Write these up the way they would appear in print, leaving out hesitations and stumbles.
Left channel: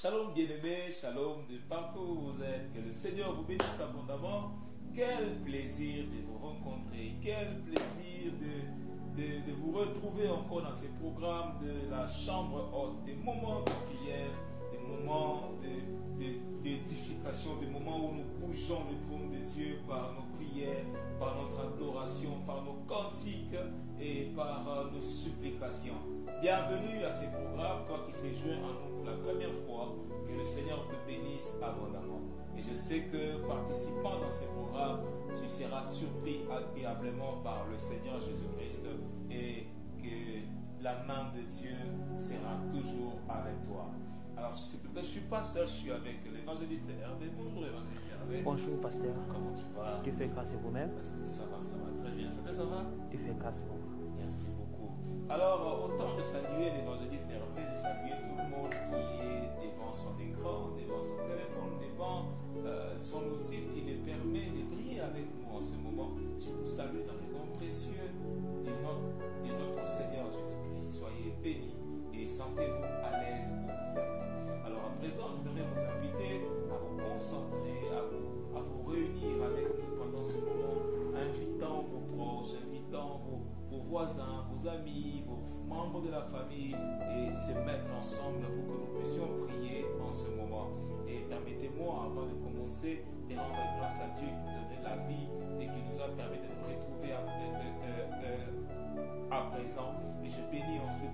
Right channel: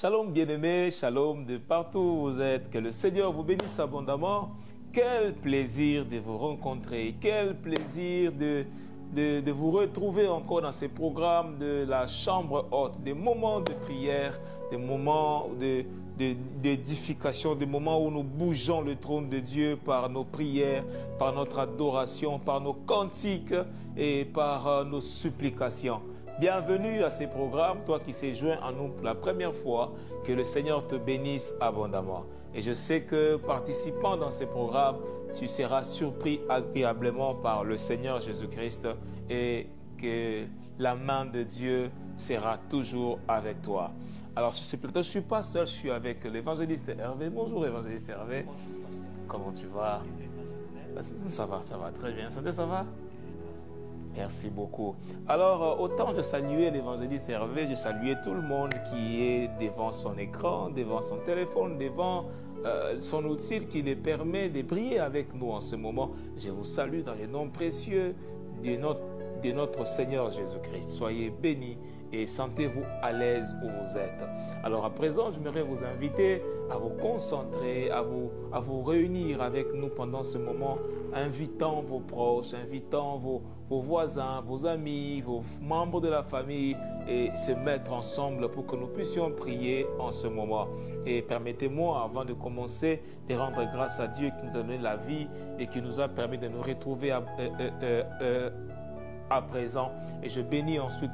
Shalom bien-aimés, shalom de partout où vous êtes. Que le Seigneur vous bénisse abondamment. Quel plaisir de vous rencontrer. Quel plaisir de vous retrouver encore dans ces programmes de la chambre haute. Des moments de prière, des moments d'édification, des moments où nous bougeons le trône de Dieu par nos prières, par notre adoration, par nos cantiques et par nos supplications. Bienvenue à ces programmes, toi qui s'es joint à nous pour la première fois, que le Seigneur te bénisse abondamment. Et je sais que participant dans ces programmes, tu seras surpris agréablement par le Seigneur Jésus-Christ et que la main de Dieu sera toujours avec toi. Alors sur ce plateau, je ne suis pas seul, je suis avec l'évangéliste Hervé. Bonjour évangéliste Hervé. Bonjour pasteur. Comment tu vas? Dieu fait grâce à vous-même. Ça va très bien. Santé, ça va? Dieu fait grâce à vous. Merci beaucoup. Alors, autant de saluer l'évangéliste Hervé, je salue tout le monde qui est devant son écran, devant son téléphone, devant son outil qui lui permet de prier avec nous en ce moment. Je vous salue dans les noms précieux de notre Seigneur Jésus-Christ. Soyez bénis et sentez-vous à l'aise où vous êtes. Alors à présent, j'aimerais vous inviter à vous concentrer, à vous réunir avec nous pendant ce moment, invitant vos proches, invitant vos voisins, vos amis, vos membres de la famille et se mettre ensemble pour que nous puissions prier en ce moment. Et permettez-moi, avant de commencer, de rendre grâce à Dieu qui nous a donné la vie et qui nous a permis de nous retrouver à présent. Et je bénis ensuite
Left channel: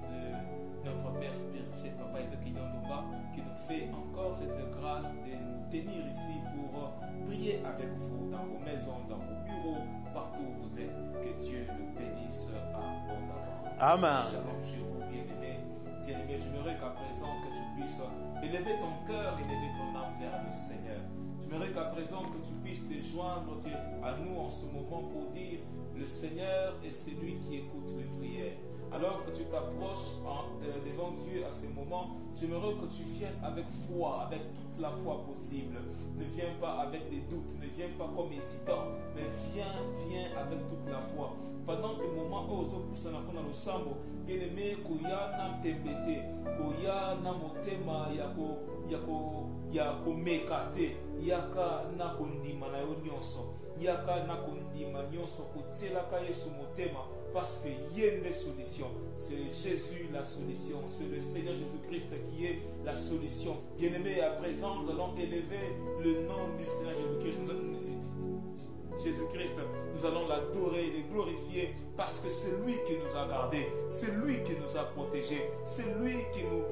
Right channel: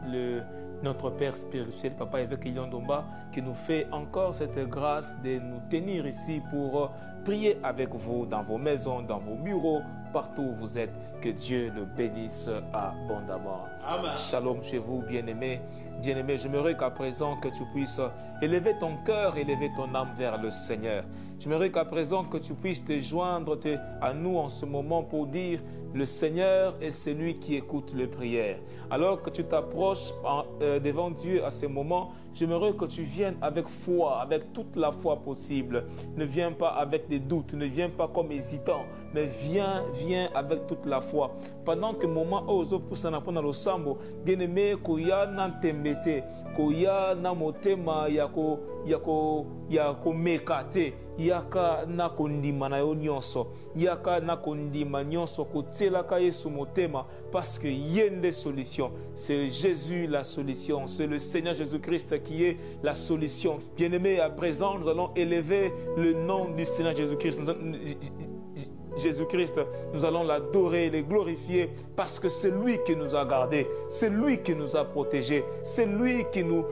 notre Père spirituel, Papa Évêque Iliondomba, qui nous fait encore cette grâce de nous tenir ici pour prier avec vous dans vos maisons, dans vos bureaux, partout où vous êtes. Que Dieu le bénisse abondamment. Amen. Shalom chez vous, bien-aimés. Bien-aimé, j'aimerais qu'à présent que tu puisses élever ton cœur, élever ton âme vers le Seigneur. J'aimerais qu'à présent que tu puisses te joindre à nous en ce moment pour dire le Seigneur est celui qui écoute les prières. Alors que tu t'approches devant Dieu à ce moment, j'aimerais que tu viennes avec foi, avec toute la foi possible. Ne viens pas avec des doutes, ne viens pas comme hésitant, mais viens avec toute la foi. Pendant que moment ozo pusana pona lo sambo, bien-aimé, koya na tembete, koya na motema yako mekate, yaka na kondima na yo nyonso, yaka na kondima nyonso kotelaka Yesu motema, parce que yende solution. C'est Jésus la solution, c'est le Seigneur Jésus-Christ qui est la solution. Bien-aimé, à présent, nous allons élever le nom du Seigneur Jésus-Christ. Jésus-Christ, nous allons l'adorer et le glorifier parce que c'est lui qui nous a gardés, c'est lui qui nous a protégés, c'est lui qui nous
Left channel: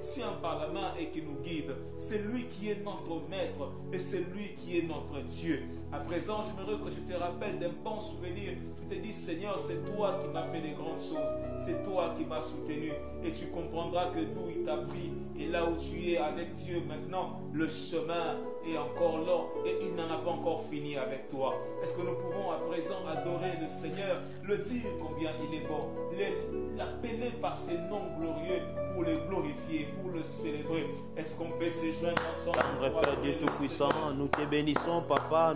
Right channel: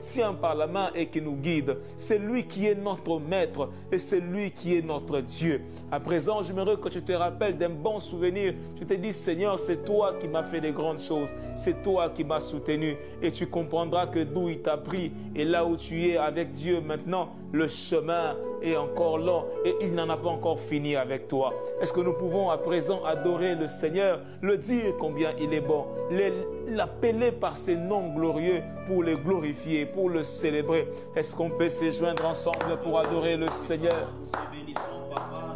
tient par la main et qui nous guide, c'est lui qui est notre maître et c'est lui qui est notre Dieu. À présent, j'aimerais que tu te rappelles d'un bon souvenir. Je te dis, Seigneur, c'est toi qui m'as fait les grandes choses, c'est toi qui m'as soutenu et tu comprendras que d'où il t'a pris et là où tu es avec Dieu maintenant, le chemin est encore long et il n'en a pas encore fini avec toi. Est-ce que nous pouvons à présent adorer le Seigneur, le dire combien il est bon, l'appeler par ses noms glorieux pour le glorifier, pour le célébrer? Est-ce qu'on peut se joindre ensemble pour adorer le Seigneur? Nous te bénissons, Papa.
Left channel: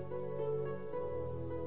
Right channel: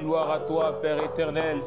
Gloire à toi, Père éternel.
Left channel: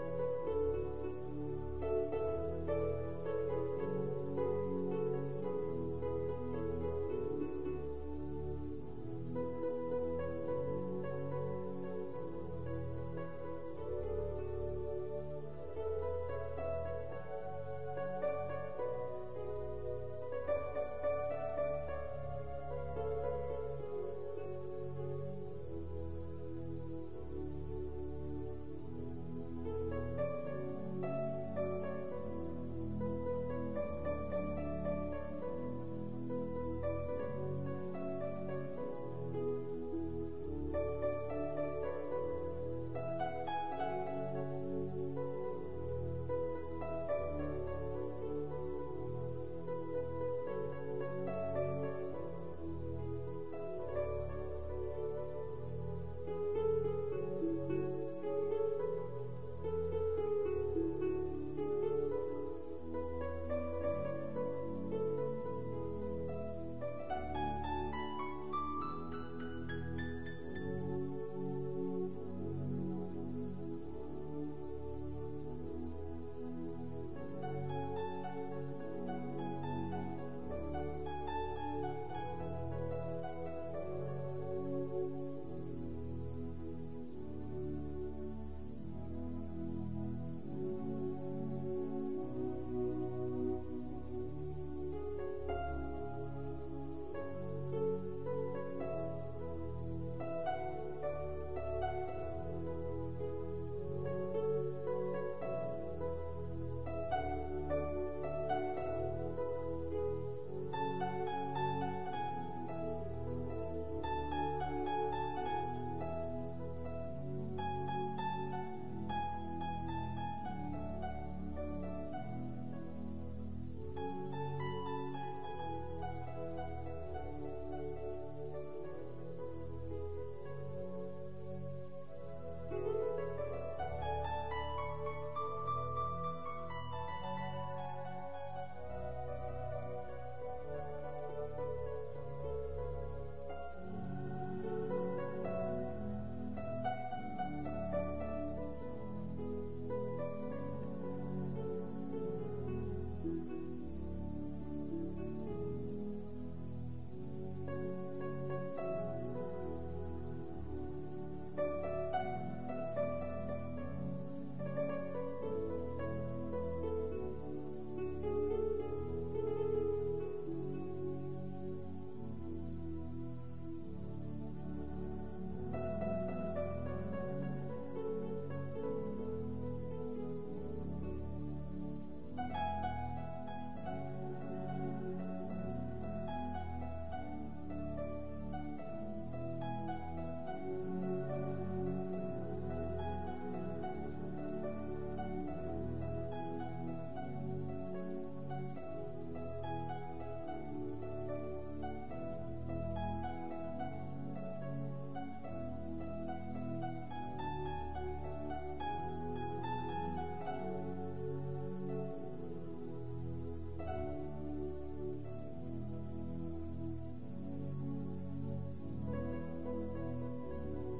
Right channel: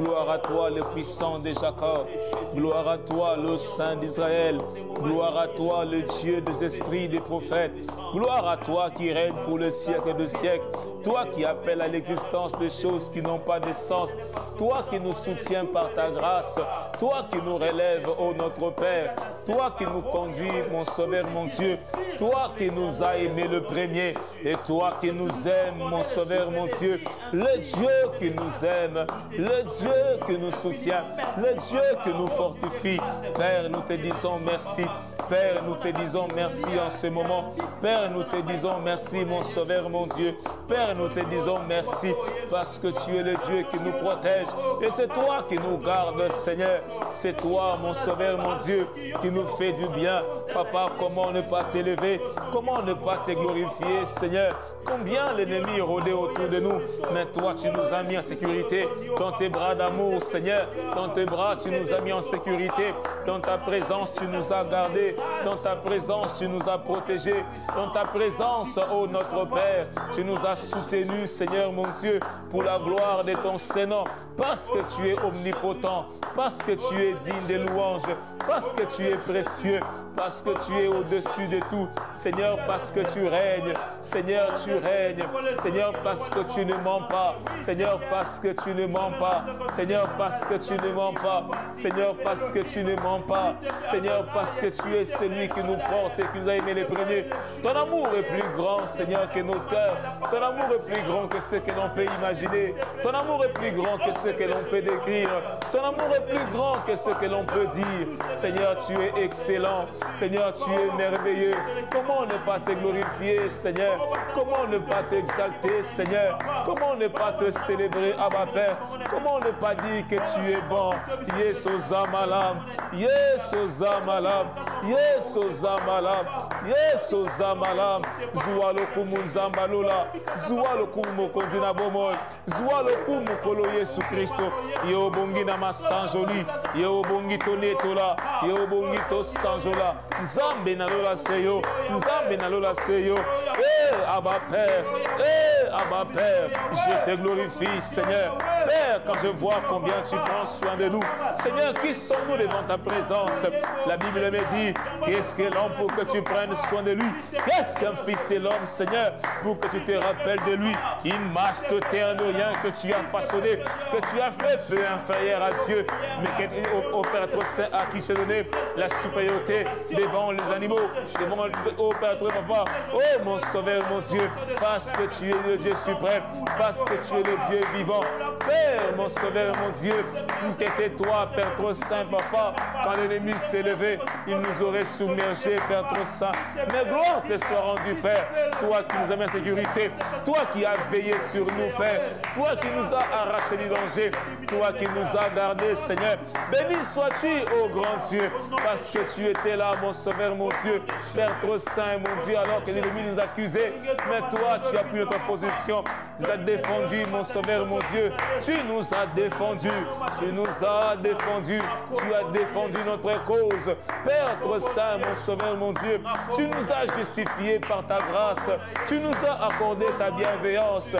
Gloire à toi, le puissant de Jacob. Gloire à toi, le Saint d'Israël. Gloire à toi, le Dieu des esprits des prophètes. Gloire à toi qui règne pour le siècle de siècles. Toi qui appelles à l'existence des choses qui n'ont pas de sens. Toi qui nous soutiens par ta grâce. Toi qui nous relèves, ô notre Père. Toi qui nous conduis, mon Sauveur, mon Dieu. Toi qui nous as aimés le premier. Et toi qui nous aimes, mon Sauveur, mon Dieu. Le Dieu qui nous aime. Le Dieu qui nous soutient. Le Dieu qui nous fortifie. Père, nous te disons merci. Père, nous te disons merci en ce moment. Père, nous te disons merci, mon Sauveur, mon Dieu. Père, nous te disons merci parce que tu es le Dieu qui nous protège. Et c'est toi qui nous gardes, Seigneur. C'est toi, mon Sauveur, mon Dieu, qui nous fait du bien. Papa, comment ne pas t'élever? Comment ne pas te glorifier, Seigneur? Combien l'ennemi rôdait autour de nous, mais toi, tu nous as mis en sécurité. Dans tes bras d'amour, Seigneur, dans tes bras, tu nous as mis en sécurité. Dans ta présence, tu nous as gardés. gardés. Dans ta présence, tu nous as protégés. Dans ta présence, ô notre Père, tu nous as soutenus, Seigneur mon Dieu, pour la gloire de ton Saint-Nom. Parce que tu es omnipotent, parce que tu es digne des louanges, parce que tu es précieux, parce que tu es au-dessus de tout. Seigneur, parce que tu règnes. Seigneur, tu règnes. Seigneur, parce que tu ne mens pas. Seigneur, parce que tu ne mens pas. Seigneur, parce que tu ne mens pas. Seigneur, parce que tu ne mens pas. Seigneur, parce que tu es celui qui nous porte et qui nous a aimés les premiers. Ton amour est plus grand, Seigneur, que nos cœurs. Ton amour est plus grand que ce que l'on peut imaginer. Ton amour est plus grand que ce que l'on peut décrire. Ton amour est plus grand que ce que l'on peut dire. Seigneur, tu es excellent. Seigneur, tu es merveilleux. Comment ne pas te glorifier, Seigneur? Comment ne pas t'exalter, Seigneur? Comment ne pas te célébrer, Abba Père? Comment ne pas dire que tu es bon? Yesoza malam, Yesoza malam, Yesoza malam, Yesoza malam. Zualokumu nzambalola, Zualokumu kondina bomoy, Zualokumu kolo Yesu Christo. Yo bongi na masanjoli, yo bongi tonetola, yo bongi to sanjola. Nzambe na lola seyo, Nzambe na lola seyo. Abba Père, Abba Père, je te glorifie, Seigneur. Père, quand je vois combien tu prends soin de nous, Seigneur, qui sommes-nous devant ta présence? La Bible me dit, qu'est-ce que l'homme pour que tu prennes soin de lui? Qu'est-ce qu'un fils de l'homme, Seigneur, pour que tu te rappelles de lui? Une masse de terre de rien que tu as façonné, que tu as fait peu inférieur à Dieu, mais au Père trop saint à qui se donnait la supériorité devant les animaux, devant au Père trop papa. Oh mon Sauveur, mon Dieu, parce que tu es le Dieu suprême, parce que tu es le Dieu vivant. Père, mon Sauveur, mon Dieu, qu'était toi, Père trop saint, papa, quand l'ennemi s'est levé, il nous aurait submergés, Père trop saint. Mais gloire te soit rendue, Père, toi qui nous as mis en sécurité, toi qui as veillé sur nous, Père, toi qui nous as arraché du danger, toi qui nous as gardés, Seigneur. Béni sois-tu, ô grand Dieu, parce que tu étais là, mon Sauveur, mon Dieu, Père trop saint, mon Dieu, alors que l'ennemi nous accusait, mais toi, tu as pris notre position, tu nous as défendu, mon Sauveur, mon Dieu, tu nous as défendu, tu nous as défendu, tu as défendu notre cause, Père trop saint, mon Sauveur, mon Dieu, tu nous as justifiés par ta grâce, tu nous as accordé ta bienveillance.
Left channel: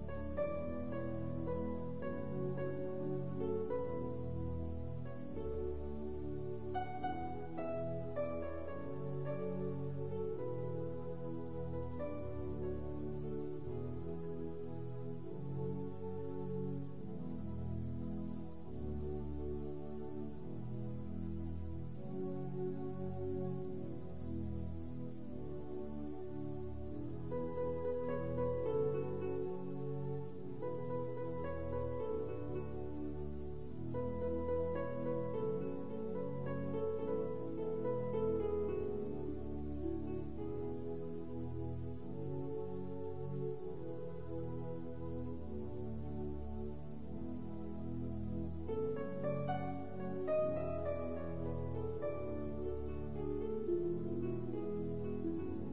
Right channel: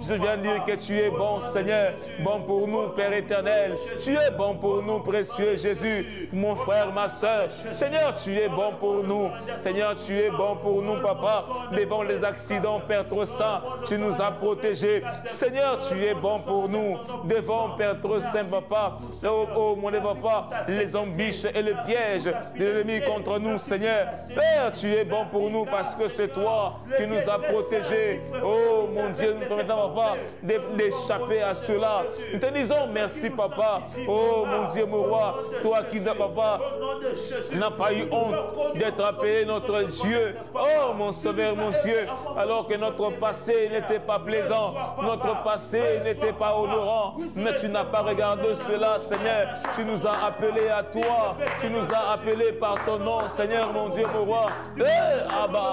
Je viens dire que tu es bon, Seigneur, bon pour nous, Père éternel, tu es bon pour nous, précieux Jésus, mon frère, ma soeur. Seigneur, tu es bon pour nous. Seigneur, tu es bon pour nous, papa. Devant les accidents, Père trop saint, tu nous as protégés. Seigneur, tu es bon pour nous. Devant, Père trop saint, papa, oh mon papa, les embûches et les pièges de l'ennemi contre nous, Seigneur. Père, tu es bon pour nous parce que c'est toi qui nous as protégés. Oh mon Dieu, nous permettons, papa, d'échapper à cela. Nous te disons merci, papa. Oh mon Dieu, mon roi, toi qui, papa, n'as pas eu honte d'être appelé notre Dieu. Oh mon Sauveur, mon Dieu, alors que notre passé n'était pas plaisant, notre passé n'était pas honorant, mais tu n'as pas regardé cela, Seigneur. Tu nous as appelés à toi, tu nous as appelés par ton nom, Seigneur, mon Dieu, mon roi. Abba,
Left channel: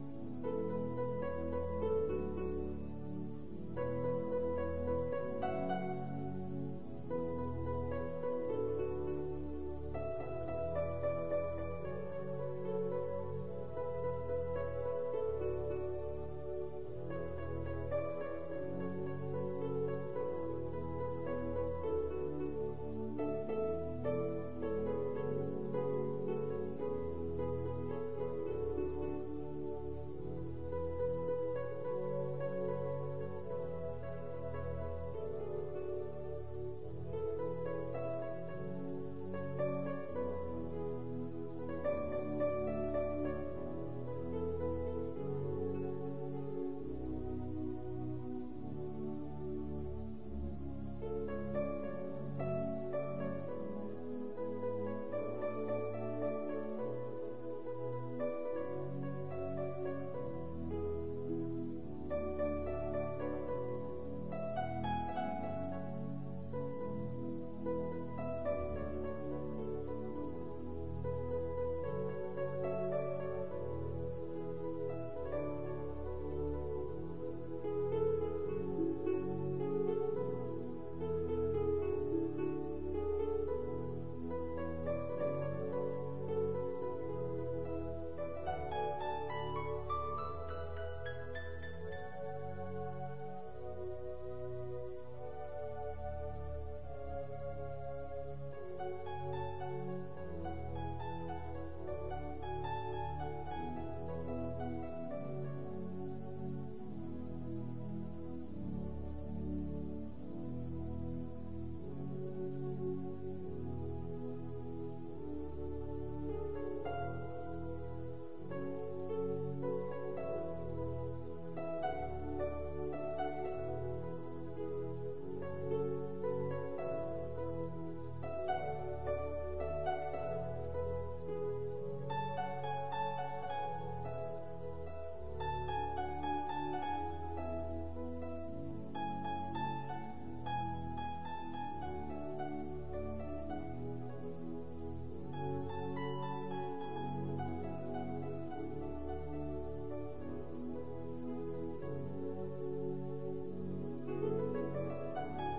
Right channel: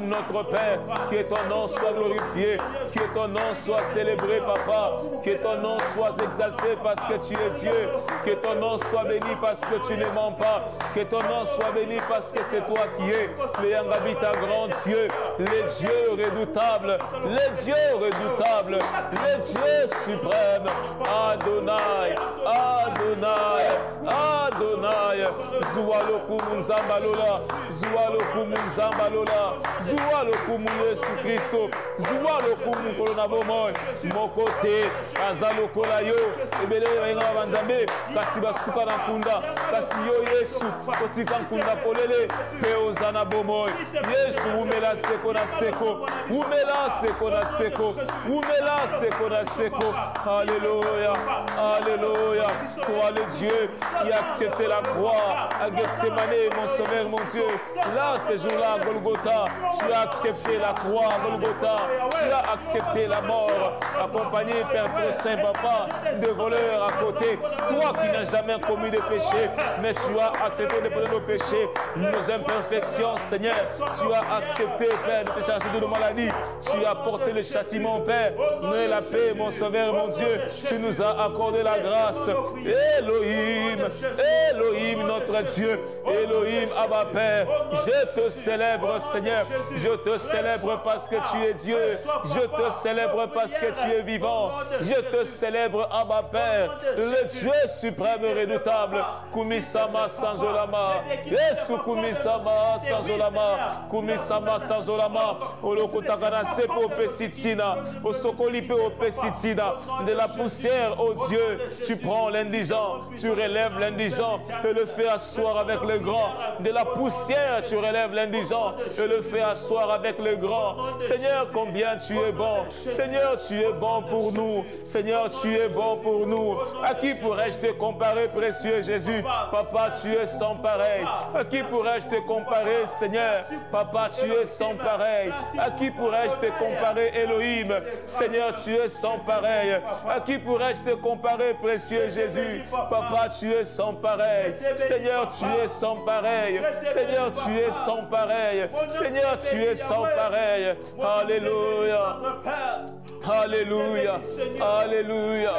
notre Père, que ton nom soit glorifié, que ton nom soit célébré, papa, que ton nom soit exalté parce que tu es Dieu, que ton nom soit béni parce que tu ne mens pas, que ton nom soit béni parce que c'est toi qui es le Yangabita grand Dieu, les dieux redoutables, les dieux redoutables, les dieux suprêmes. Adonai, Adonai, Adonai, Zualokumu Nzambalola, Zualokumu Nzambalola, Zualokumu Yesu Christo, Zualokumu Kolonabomoy, Mokote, Azalokola yo, Ebele Wenga Banzambe, kasi basuka na kunda, kasi yo Yesu, otika nkunda polele, Peozana Bomoy, Yesu umela seko na seko, umela seko na seko, umela seko na seko. Alléluia, Alléluia, toi le Dieu qui a accepté la croix, à Gethsemane, mon Sauveur, mon Dieu. Là, ce jour-là, Golgotha, tu as accepté la croix, Golgotha. Tu as accepté la mort, accompagné, Père très Saint, Papa, de voleurs à côté. Toi qui n'as jamais commis de péché, mais tu as accepté de prendre nos péchés, nos imperfections, Seigneur. Tu as accepté, Père, de te charger de nos maladies. Tu as porté le châtiment, Père. Donne la paix, mon Sauveur, mon Dieu. Tu nous as accordé la grâce. Elohim, Elohim, notre Dieu. Elohim, Abba, Père. Je te célèbre, Seigneur. Je te célèbre parce que tu es Dieu. Je te célèbre parce que tu es vivant. Je te célèbre, Abba, Père. Le Dieu suprême et redoutable. Kumisama Sanjolama. Yesu Kumisama Sanjolama. Kumisama Sanjolama. Olokotakana Sepo Pesitina. Osokolipe Opesitina. De la poussière, oh Dieu, tu prends l'indigent, tu relèves l'indigent et le fais asseoir avec le grand. De la poussière, tu relèves l'indigent et le fais asseoir avec le grand. Seigneur, combien tu es bon. Seigneur, tu es bon pour nous. Seigneur, tu es bon pour nous. À qui pourrais-je te comparer, précieux Jésus? Papa, tu es sans pareil. À qui pourrais-je te comparer, Seigneur? Papa, tu es sans pareil. À qui pourrais-je te comparer, Elohim? Seigneur, tu es sans pareil. À qui pourrais-je te comparer, précieux Jésus? Papa, tu es sans pareil. Seigneur, tu es sans pareil. Seigneur, tu es sans pareil. Seigneur, tu es sans pareil. Alléluia. Alléluia. Alléluia.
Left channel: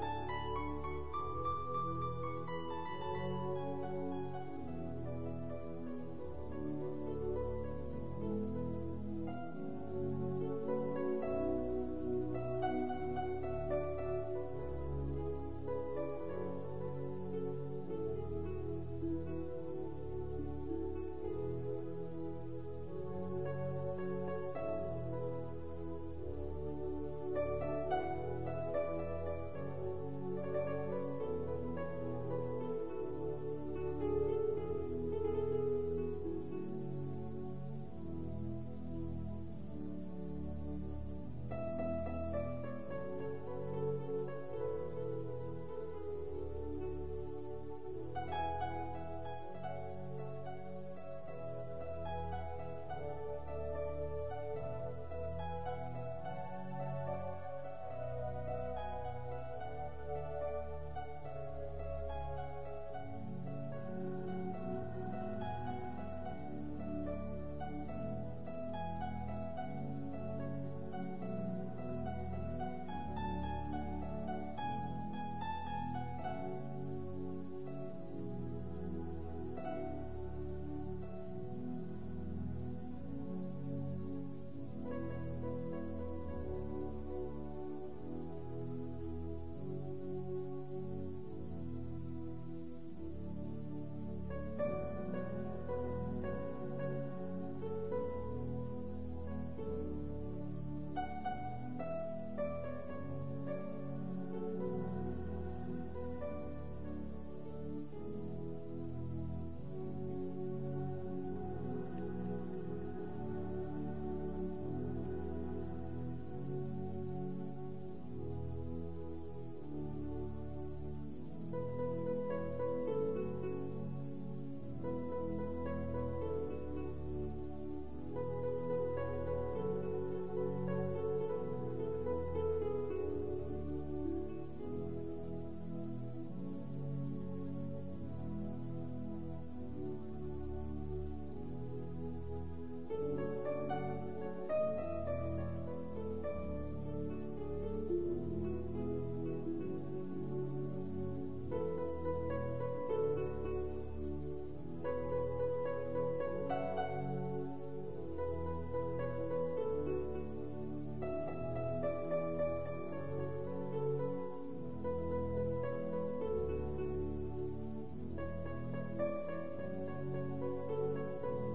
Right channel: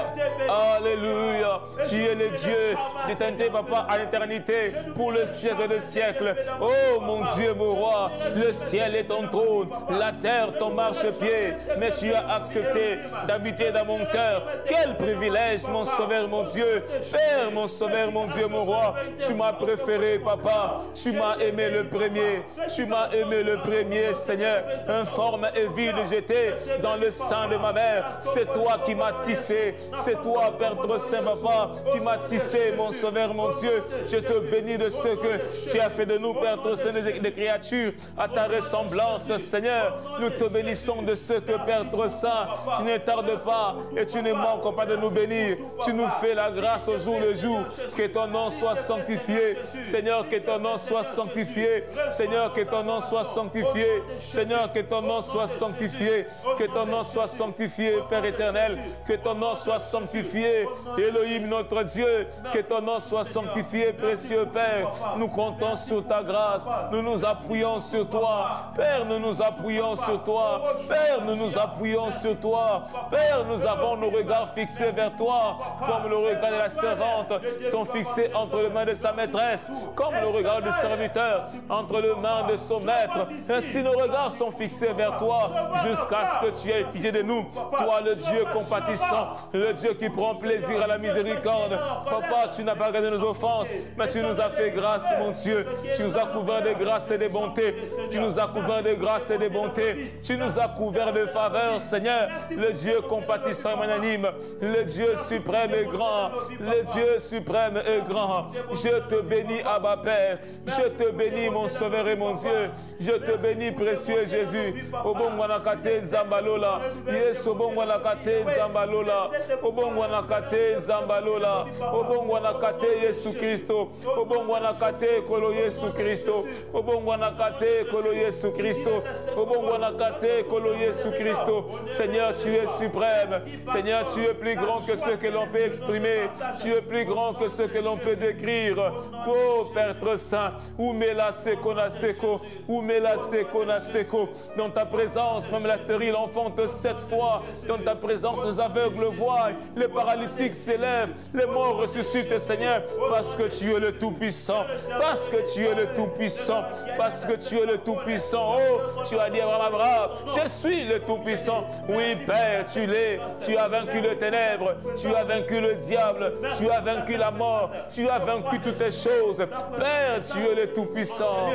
Alléluia. Tu es le Dieu d'éternité, Papa, à l'éternité, pour le siècle des siècles. Oh mon Dieu, mon roi, le ciel est ton trône, la terre ton marchepied, mais tu as accepté d'habiter dans mon cœur. Quel privilège, mon Sauveur, mon Dieu. Père, mon Sauveur, mon Dieu, mon roi, tu m'as préféré, Papa. Tu m'as aimé le premier. Tu m'as aimé le premier, Seigneur. Informe et vide, j'étais dans le sein de ma mère. C'est toi qui m'as tissé. C'est toi, Père très Saint, Papa, qui m'as tissé, mon Sauveur, mon Dieu. Je te bénis de ce que tu as fait de nous, Père très Saint, des créatures à ta ressemblance, Seigneur. Nous te bénissons de ce que, Père très Saint, tu ne tardes pas et tu ne manques pas de nous bénir. Tu nous fais la grâce au jour le jour. Que ton nom soit sanctifié. Seigneur, que ton nom soit sanctifié. Seigneur, que ton nom soit sanctifié. Seigneur, que ton nom soit sanctifié. Que ton nom soit sanctifié, Père éternel. Que ton nom soit sanctifié, Elohim, notre Dieu. Que ton nom soit sanctifié, précieux Père. Nous comptons sur ta grâce. Nous nous appuyons sur toi. Père, nous nous appuyons sur toi. Père, nous nous appuyons sur toi. Père, nous avons nos regards fixés vers toi, comme le regard de la servante sont fixés entre les mains de sa maîtresse, comme le regard du serviteur entre les mains de son maître. Ainsi nos regards sont fixés vers toi jusqu'à ce que tu aies pitié de nous. Toi, le Dieu compatissant, le Dieu qui prend plaisir à la miséricorde. Papa, tu n'as pas regardé nos offenses, mais tu nous as fait grâce, mon Dieu. Tu nous as couverts de grâce et de bonté. Tu nous as couverts de grâce et de bonté. Tu nous as couverts de faveur, Seigneur. Le Dieu compatissant et magnanime, le Dieu suprême et grand, le Dieu suprême et grand. Je te bénis, Abba Père. Je te bénis, mon Sauveur et mon Dieu. Je te bénis, précieux Jésus. Obongwanakate Nzambalola. Yes, Obongwanakate Nzambalola. Obongwanakate Nzambalola. Obongwanakate Yesu Christo. Obongwanakate Kolo Yesu Christo. Obongwanakate Kolo Yesu Christo. Obongwanakate Kolo Yesu Christo. Seigneur, tu es suprême. Seigneur, tu es plus grand que ce que l'on peut exprimer. Tu es plus grand que ce que l'on peut décrire. Oh, Père très Saint, Oumela Sekona Seko, Oumela Sekona Seko. Dans ta présence, même la stérile enfante 7 fois. Dans ta présence, les aveugles voient, les paralytiques s'élèvent, les morts ressuscitent, Seigneur, parce que tu es le Tout-Puissant. Parce que tu es le Tout-Puissant. Parce que tu es le Tout-Puissant. Oh, tu as dit à Abraham, je suis le Tout-Puissant. Oui, Père, tu l'es. Tu as vaincu les ténèbres. Tu as vaincu le diable. Tu as vaincu la mort. Tu as vaincu toutes les choses. Père, tu es le Tout-Puissant.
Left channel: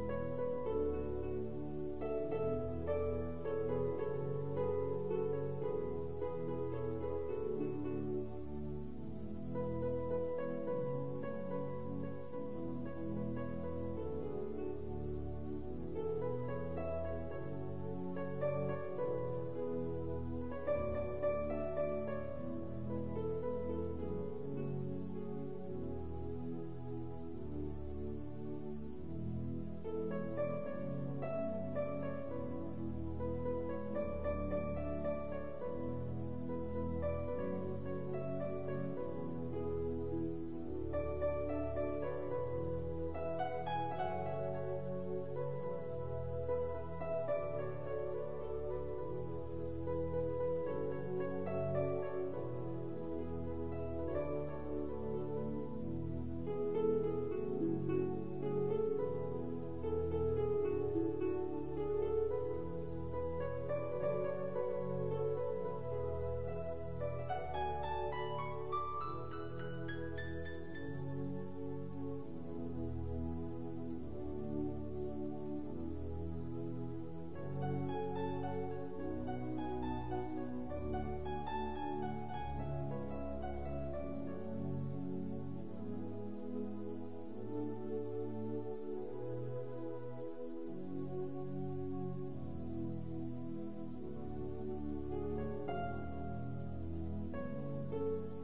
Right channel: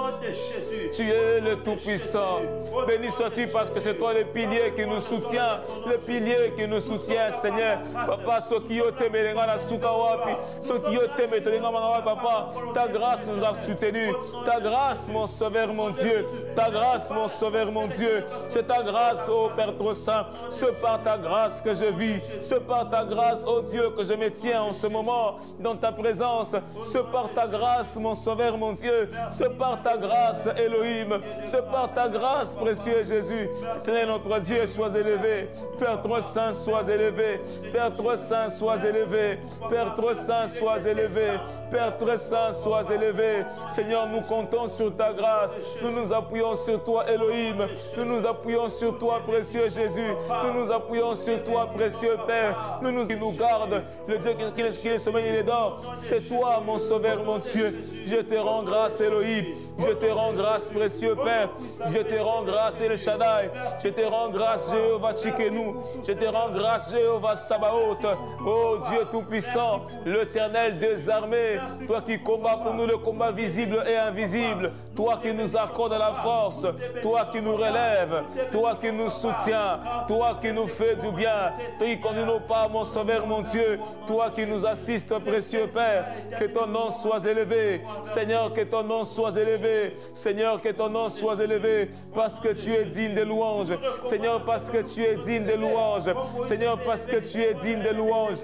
nom de Jésus. Tu es le Tout-Puissant. Béni sois-tu parce que c'est toi le pilier qui nous soutient. Le pilier qui nous soutient, Seigneur. Papa, ceux qui ont aimé les gars, ceux qui ont aimé les gars, papa, ta grâce nous a soutenus. Ta grâce, mon Sauveur, mon Dieu. Ta grâce, mon Sauveur, mon Dieu. C'est ta grâce, ô Père trop saint. C'est par ta grâce que je vis. C'est par ta grâce, ô Dieu, que je me tiens en ce moment dans ta présence. C'est par ta grâce, mon Sauveur, mon Dieu. C'est par ta grâce, Elohim. C'est par ta grâce, précieux Jésus. Seigneur notre Dieu, sois élevé. Père trop saint, sois élevé. Père trop saint, sois élevé. Père trop saint, sois élevé. Père très saint, sois élevé. Seigneur, nous comptons sur ta grâce. Nous nous appuyons sur toi, Elohim. Nous nous appuyons sur toi, précieux Jésus. Nous nous appuyons sur toi, précieux Père. Qui nous garde. Le Dieu qui est sommeil, il est dort. C'est toi, mon Sauveur, mon Dieu. Je te rends grâce, Elohim. Je te rends grâce, précieux Père. Je te rends grâce, El Shaddai. Je te rends grâce, Jéhovah Tchikenu. Je te rends grâce, Jéhovah Sabaoth. Oh Dieu Tout-Puissant, l'Éternel des armées. Toi qui combats pour nous le combat visible et invisible. Toi qui nous accordes la force. Toi qui nous relèves. Toi qui nous soutiens. Toi qui nous fais du bien. Toi qui conduis nos pas, mon Sauveur, mon Dieu. Toi qui nous assistes, précieux Père. Que ton nom soit élevé. Seigneur, que ton nom soit élevé. Seigneur, que ton nom soit élevé. Parce que tu es digne de louanges. Seigneur, parce que tu es digne de louanges. Seigneur, parce que tu es digne de louanges.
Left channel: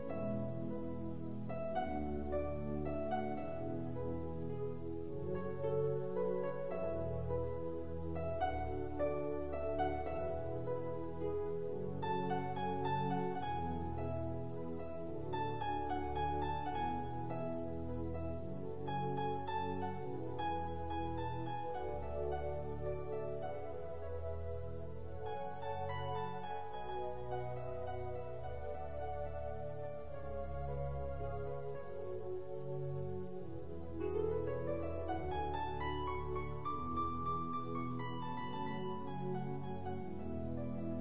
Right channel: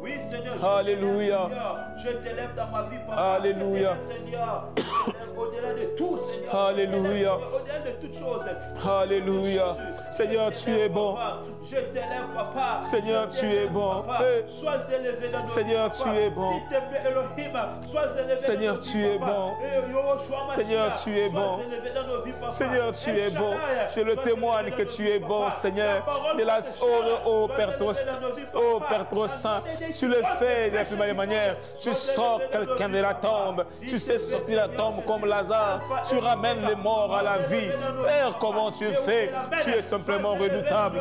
Oui, Seigneur. Alléluia. Je t'élève dans ma vie, Papa. Alléluia. Seigneur. Au-delà de tout, Seigneur. Alléluia. Au-delà de toutes choses. Alléluia. Seigneur, tu es bon. Je t'élève, Papa. Seigneur, tu es bon. Sois élevé dans nos vies. Seigneur, tu es bon. S'il te plaît, Elohim, sois élevé. Seigneur, tu es bon. Seigneur, tu es bon. Seigneur, tu es bon. Je le témoigne que tu es bon, Seigneur. De la ô Père trop saint, tu le fais de la plus belle manière. Tu sors quelqu'un de la tombe. Tu sais sortir de la tombe comme Lazare. Tu ramènes les morts à la vie. Père, comment tu fais? Tu es simplement redoutable.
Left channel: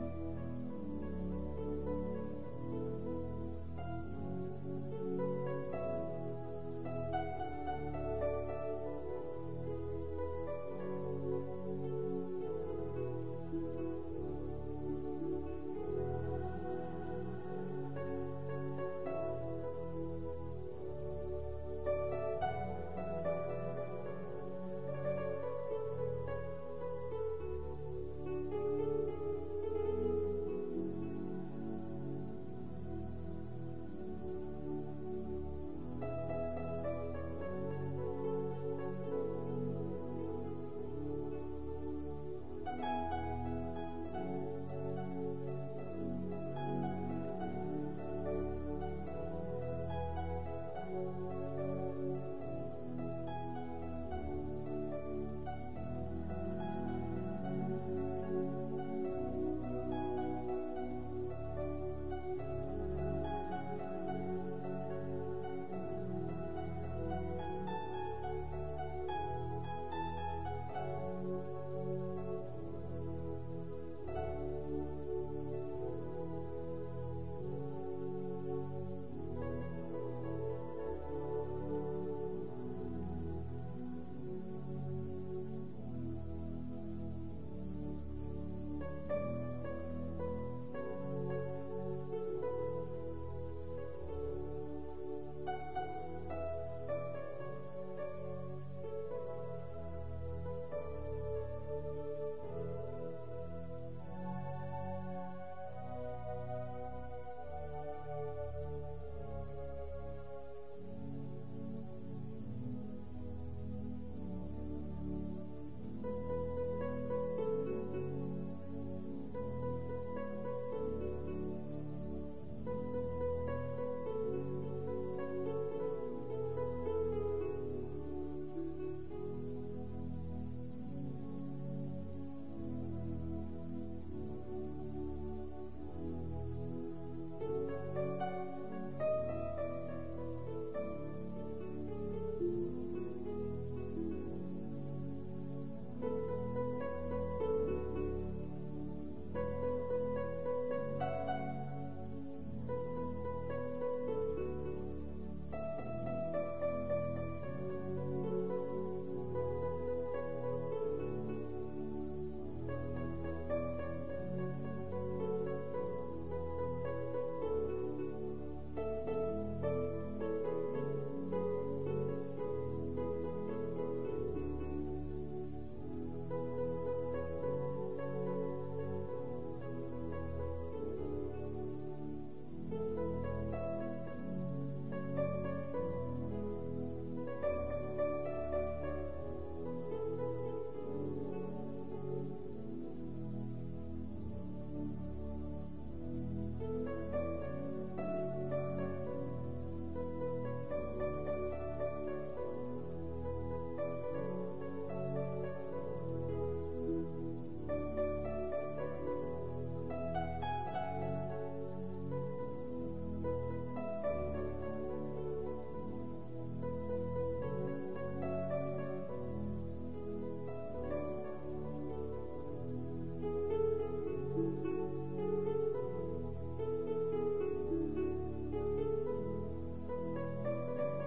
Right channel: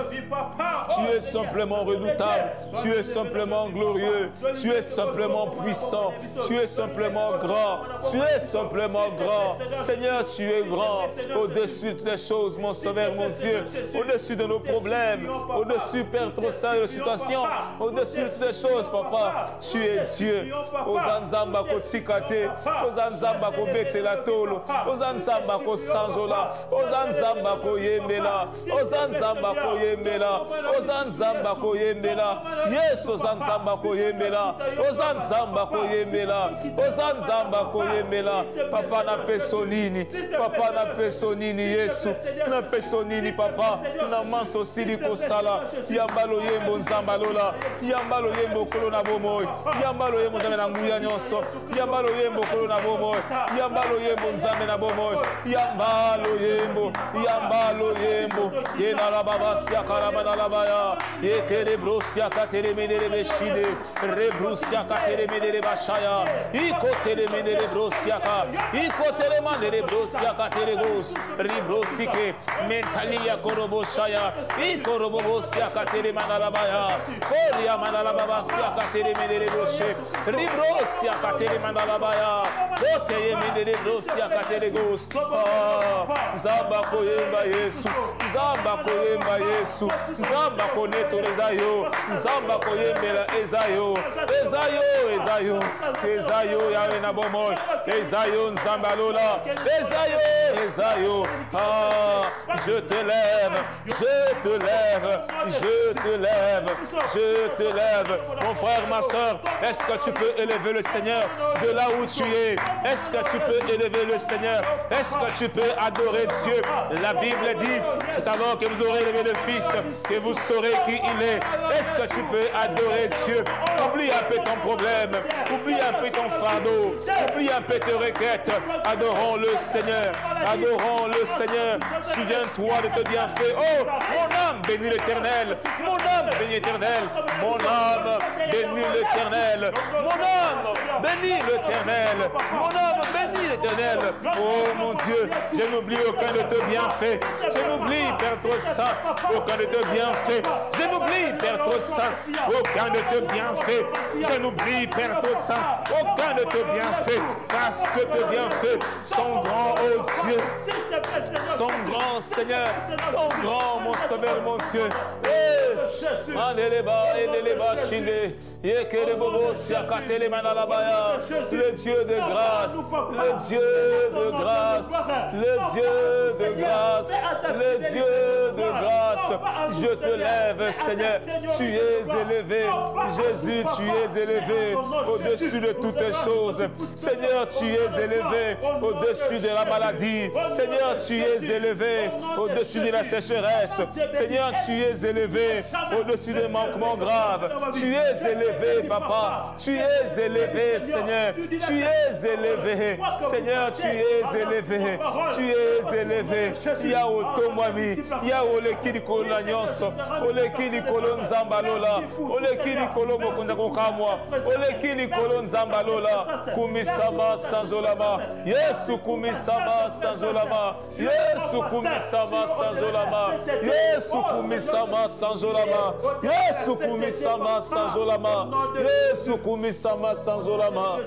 Tu es simplement redoutable. Tu es simplement glorieux. Tu es simplement puissant. Tu es simplement grand. Tu es simplement grand. Seigneur, tu es grand. Au-dessus de tes choses, mon Sauveur, mon Dieu. Au-dessus de nos problèmes. Au-dessus, Père trop saint, de nos situations. Au-dessus de tes choses, Papa. Tu es Dieu. Ozanzamba ko sikate. Ozanzamba ko bete la tolo. Ozanzamba ko sanjola. Ozanzamba ko yemela. Ozanzamba ko yemela. Ozanzamba ko yemela. Yes, Ozanzamba ko yemela. Ozanzamba ko yemela. Ozanzamba ko yemela. Papa na pesonini. Papa na pesonini Yesu. Na pesonini papa. Na manso sili ko sala. Yambalo yembo nzambalola. Yambalo yembo kolona bomoy. Yambalo yembo nzambe na nguya nyonso. Yambalo yembo kolona bomoy. Yambalo yembo nzambe na bomoy. Yambalo yembo. Yambalo yembo. Yenara baba sia karamana labaya. Yetere brosia katere menere beshide. Rebrusia katere menere bashaya. Ikotere menere brosia ka. Ikotere menere brosia katere gos. Ribrosike mentalia koroboshaya. Ikorobosia katere manalabaya. Koria manalababa sia katere menere boshe. Ribrosia katere manalabaya. Kote menere brosia katere gos. Zamba koyemba Yesu. Zamba koyemba Yesu. Zamba koneto ezayo. Zamba koyembela ezayo. Ezayo, ezayo. Ezayo yawe na bomoy. Ezayo nzamba lola. Ezayo, ezayo. Je te lève. Je te lève. Je te lève. Je te lève. Mon frère, ma soeur, est-ce que tu peux élever le Seigneur de là où tu es? Est-ce que tu peux élever le Seigneur? Est-ce que tu peux adorer Dieu? La Bible dit, c'est alors que vous aurez élevé le Fils que vous saurez qui il est. Est-ce que tu peux adorer Dieu? Oublie un peu ton problème. Oublie un peu ton fardeau. Oublie un peu tes requêtes. Adorons le Seigneur. Adorons le Seigneur. Souviens-toi de tes bienfaits. Oh, mon âme bénit l'Éternel. Mon âme bénit l'Éternel. Mon âme bénis l'Éternel. Mon âme, bénis l'Éternel. Mon âme, bénis l'Éternel. Oh mon Dieu, je n'oublie aucun de tes bienfaits. Je n'oublie, Père trop saint, aucun de tes bienfaits. Je n'oublie, Père trop saint, aucun de tes bienfaits. Je n'oublie, Père trop saint, aucun de tes bienfaits. Parce que tes bienfaits sont grands, oh Dieu. Sont grands, Seigneur. Sont grands, mon Sauveur, mon Dieu. Le Dieu de grâce, le Dieu de grâce, le Dieu de grâce, le Dieu de grâce. Je te lève, Seigneur. Tu es élevé. Jésus, tu es élevé au-dessus de toutes les choses. Seigneur, tu es élevé au-dessus de la maladie. Seigneur, tu es élevé au-dessus de la sécheresse. Seigneur, tu es élevé au-dessus des manquements graves. Tu es élevé, Papa. Tu es élevé, Seigneur. Tu es élevé. Seigneur, tu es élevé. Tu es élevé. Yao Tomami. Yao Lekini Kolanyonso. Olekini Kolonzambalola. Olekini Kolomokunda Kokamwa. Olekini Kolonzambalola. Kumisama Sanjolama. Yesu Kumisama Sanjolama. Yesu Kumisama Sanjolama. Yesu Kumisama Sanjolama. Yesu Kumisama Sanjolama. Yesu Kumisama Sanjolama.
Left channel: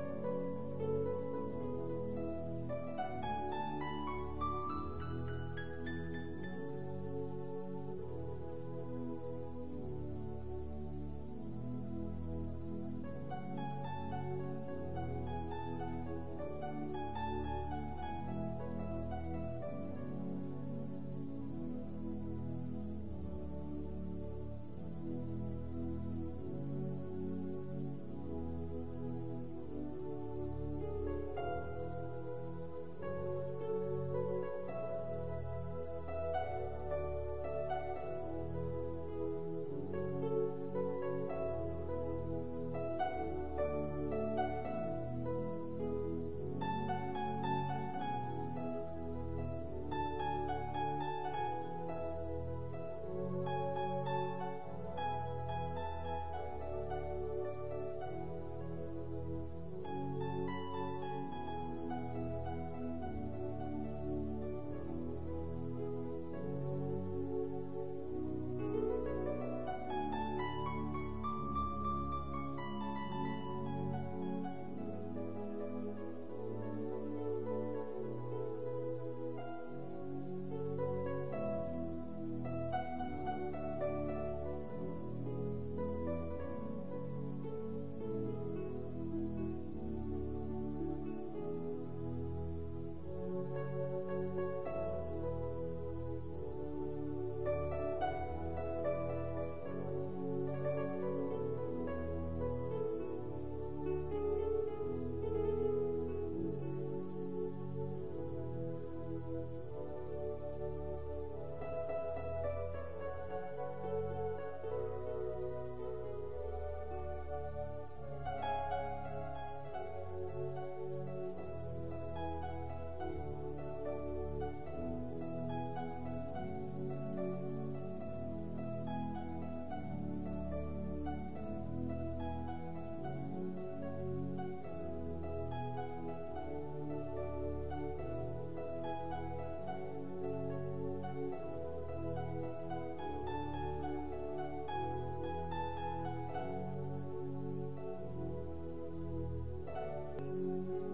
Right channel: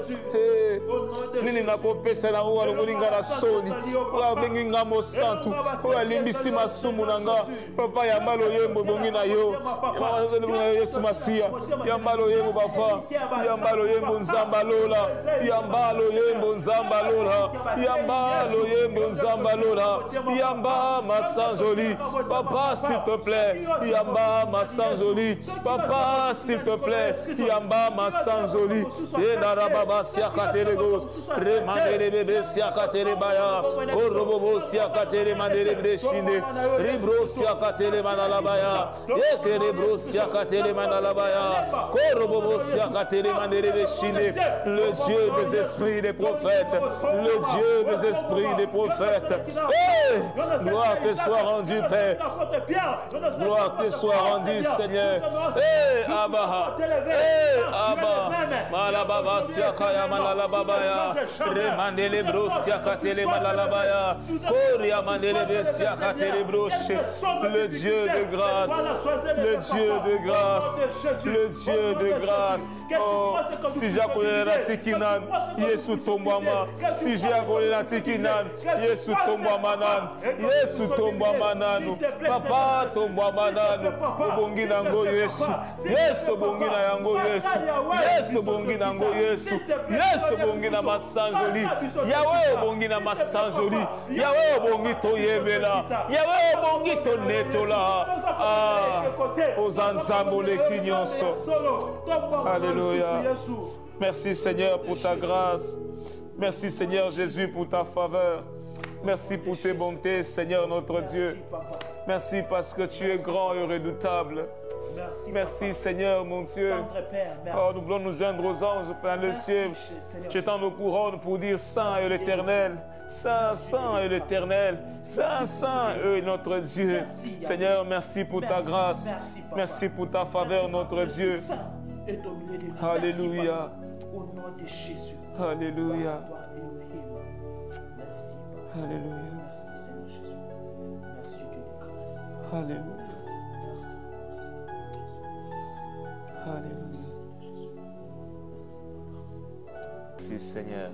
Nini nakopesa na uwa lungulinga na soni. Wa bengi ngamo santu. Wa limbisi masumu nanga. Papa ya malo yembo bongi na yo. Yesu Masia. Ya malo yembo papa. Ya malo yembo nzambalola. Ya malo yembo nzambalola. Ya malo yembo nzambalola. Yamba Massanjoli. Papa s'il te plaît. Yamba Massanjoli. Papa s'il te plaît. Yamba Massanjoli. Et Narababa Siakatelegos. Remandere bébé Siakatere Baya. Korobobo Siakatere Mandere Brechine. Ribro Siakatere Manalabaya. Ekerebro Siakatere Manalabaya. Korobobo Siakatere Mandere Brechine. Le Dieu des esprits des prophètes. Le Dieu des esprits des prophètes. Hey! Gloire te soit rendue, Père. Gloire te soit rendue, Seigneur. Hey, Abba. Hey, Abba. Malababa Siakaya Manalabaya. Remandele Bro Siakatele Malalabaya. Koria Mandele Siakatele Broche. Le Dieu de grâce. Le Dieu de grâce. Le Dieu de grâce. Oh, si j'accorde la tikinan, Yesu tombama. Si j'accorde la tikinan, Yesu tombama nan. Yesu tombama nanu. Papa tombama nanu. Obongi nango Yesu. Yesu bongi na yango Yesu. Yesu bongi nango Yesu. Yesu bongi na Massanjoli. Yahweh bongi na Massanjoli. Yahweh bongi to yebela. Yahweh bongi to netola. Ah, ozanzambole kinyonso. Alléluia. Merci Seigneur pour ta grâce. Merci Seigneur Jésus pour ta faveur. Merci pour tes bontés Seigneur notre Dieu. Merci parce que tu es grand et redoutable. Merci Seigneur mon Dieu. Oh, nous voulons nous joindre aux anges plein le ciel. Jetant nos couronnes pour dire Saint est l'Éternel. Saint, Saint est l'Éternel. Saint, Saint est notre Dieu. Seigneur, merci pour ta grâce. Merci pour ta faveur notre Dieu. Alléluia. Au nom de Jésus. Alléluia. Alléluia. Alléluia. Alléluia. Merci Seigneur.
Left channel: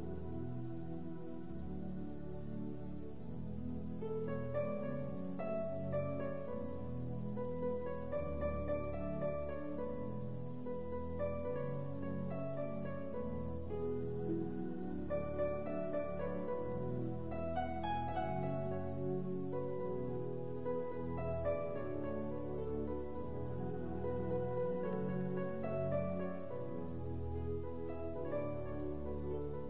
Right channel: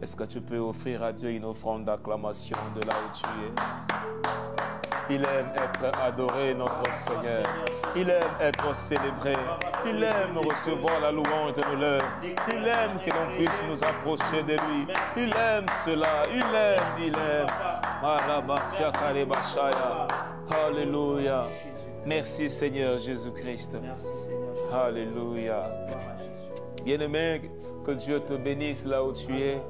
Est-ce que tu peux offrir à Dieu une offrande d'acclamation de là où tu es? Il aime être adoré, notre Seigneur. Il aime être célébré. Il aime recevoir la louange de nos lèvres. Il aime que l'on puisse nous approcher de lui. Il aime cela. Il aime. Il aime. Alléluia. Merci Seigneur Jésus-Christ. Alléluia. Bien-aimé, que Dieu te bénisse là où tu es.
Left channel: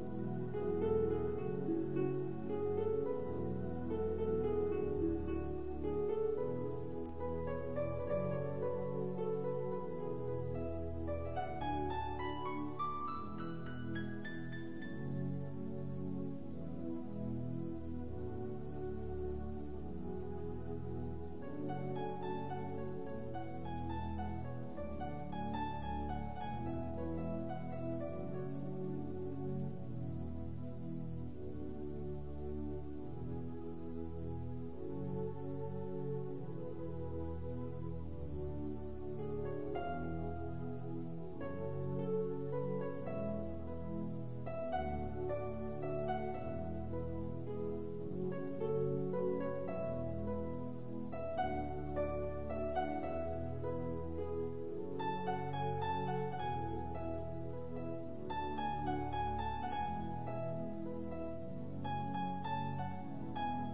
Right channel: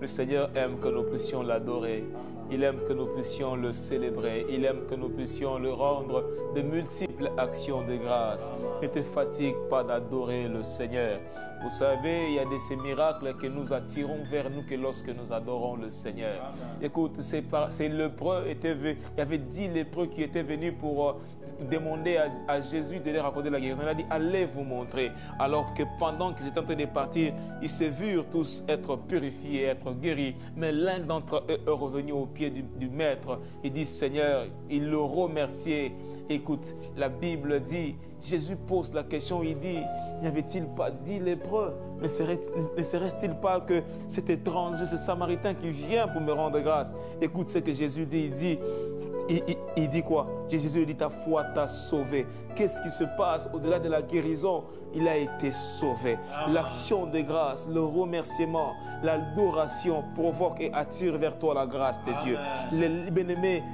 Le Seigneur aime que nous puissions l'adorer. Il aime que nous puissions le célébrer. Il aime que nous puissions le rendre de multiples actions de grâce. Ne te fatigue pas d'adorer le Seigneur. Vous savez, il y a de ces miracles que nous attirons vers nous que lorsque nous adorons le Seigneur. Écoute, ces lépreux étaient venus. Il y avait 10 lépreux qui étaient venus pour demandé à Jésus de leur accorder la guérison. Il a dit, allez vous montrer. Alors que pendant qu'ils étaient en train de partir, ils se virent tous être purifiés, être guéris. Mais l'un d'entre eux est revenu au pied du maître. Il dit, Seigneur, il le remerciait. Écoute, la Bible dit, Jésus pose la question, il dit, n'y avait-il pas 10 lépreux? Ne serait-il pas que cet étranger, ce samaritain qui vient pour me rendre grâce? Écoute ce que Jésus dit, il dit quoi? Jésus dit, ta foi t'a sauvé. Qu'est-ce qui se passe au-delà de la guérison? Il a été sauvé. L'action de grâce, le remerciement, l'adoration provoque et attire vers toi la grâce de Dieu. Les bien-aimés,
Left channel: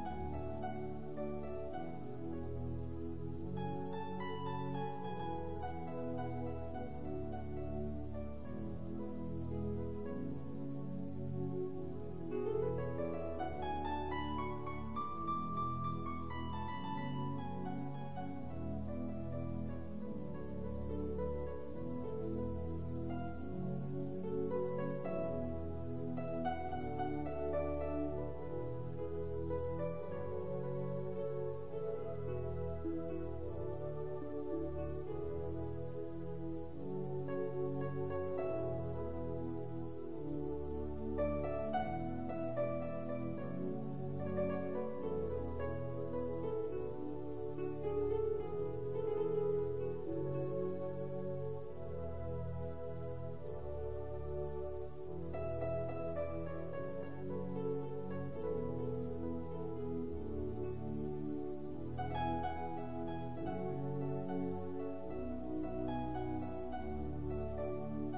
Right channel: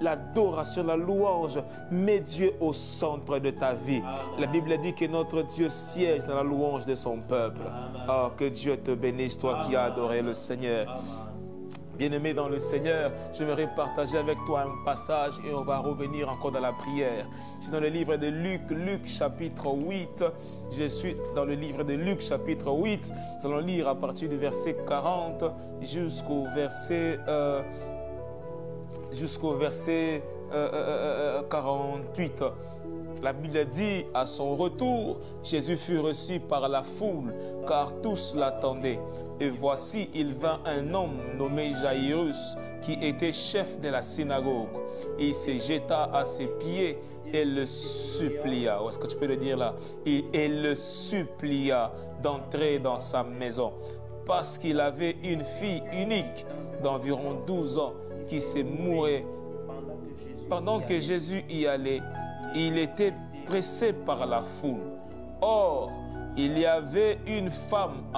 l'adoration, la louange met Dieu au centre de ta vie. La Bible dit que notre Dieu siège dans la louange de son peuple. Oh, que Dieu te bénisse, toi qui as adoré le Seigneur. Bien-aimé dans le Seigneur, j'aimerais partager avec toi un passage et on va revenir encore dans la prière. Je suis dans le livre de Luc, Luc chapitre 8. Je suis dans le livre de Luc chapitre 8. Nous allons lire à partir du verset 40 jusqu'au verset 48. La Bible dit, à son retour, Jésus fut reçu par la foule, car tous l'attendaient. Et voici, il vint un homme nommé Jairus, qui était chef de la synagogue. Et il se jeta à ses pieds et le supplia. Est-ce que tu peux le dire là? Et le supplia d'entrer dans sa maison, parce qu'il avait une fille unique d'environ 12 ans qui se mourait. Pendant que Jésus y allait, il était pressé par la foule. Or, il y avait une femme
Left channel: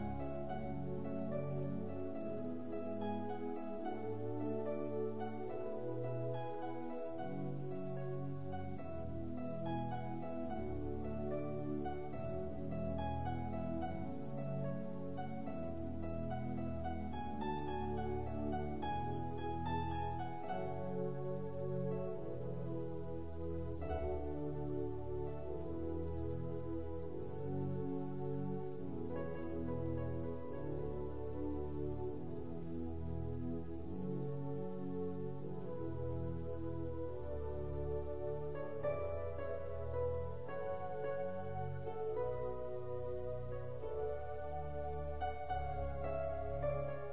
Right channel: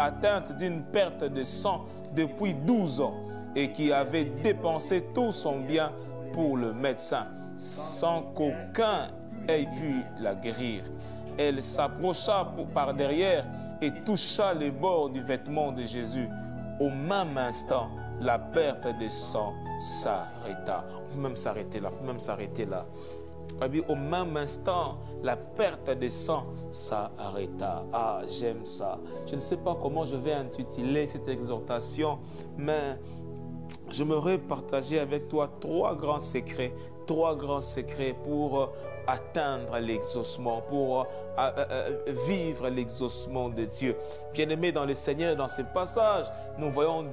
atteinte d'une perte de sang depuis 12 ans et qui avait dépensé tout son bien pour le médecin, sans qu'aucun ait pu la guérir. Elle s'approcha par derrière et toucha les bords du vêtement de Jésus. Au même instant, la perte de sang s'arrêta. On peut même s'arrêter là, Au même instant, la perte de sang s'arrêta. Ah, j'aime ça. Je ne sais pas comment je vais intituler cette exhortation, mais j'aimerais partager avec toi trois grands secrets pour atteindre l'exaucement, pour vivre l'exaucement de Dieu. Bien-aimés dans le Seigneur, dans ce passage, nous voyons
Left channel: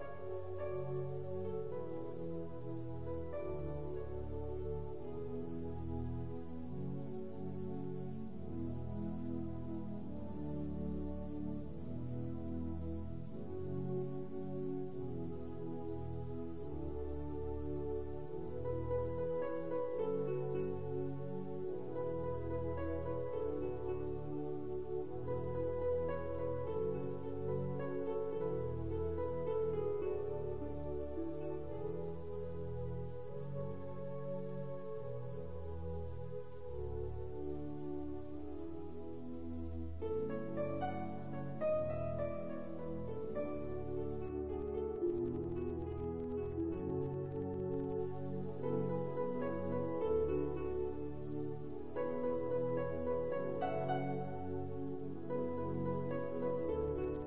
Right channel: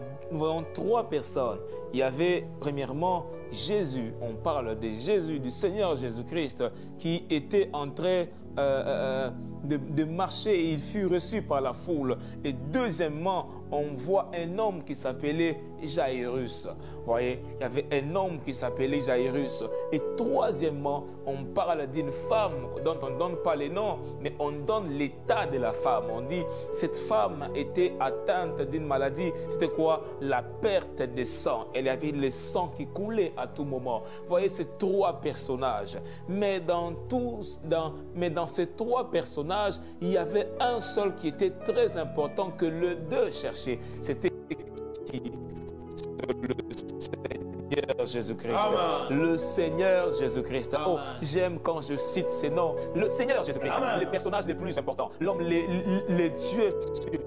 trois personnes. Il y avait premièrement Jésus, on parle de Jésus, du Seigneur Jésus-Christ, qui était en train de marcher et il fut reçu par la foule. Et deuxièmement, on voit un homme qui s'appelait Jairus. Vous voyez, il y avait un homme qui s'appelait Jairus. Et troisièmement, on parle d'une femme dont on ne donne pas les noms, mais on donne l'état de la femme. On dit, cette femme était atteinte d'une maladie. C'était quoi? La perte de sang. Elle avait le sang qui coulait à tout moment. Vous voyez, ces trois personnages. Mais dans ces trois personnages, il y avait un seul qui était très important que les deux cherchaient. C'était le Seigneur Jésus-Christ. Le Seigneur Jésus-Christ. Oh, j'aime quand je cite ces noms. Le Seigneur Jésus-Christ. Les personnages les plus importants. L'homme, les dieux suprêmes.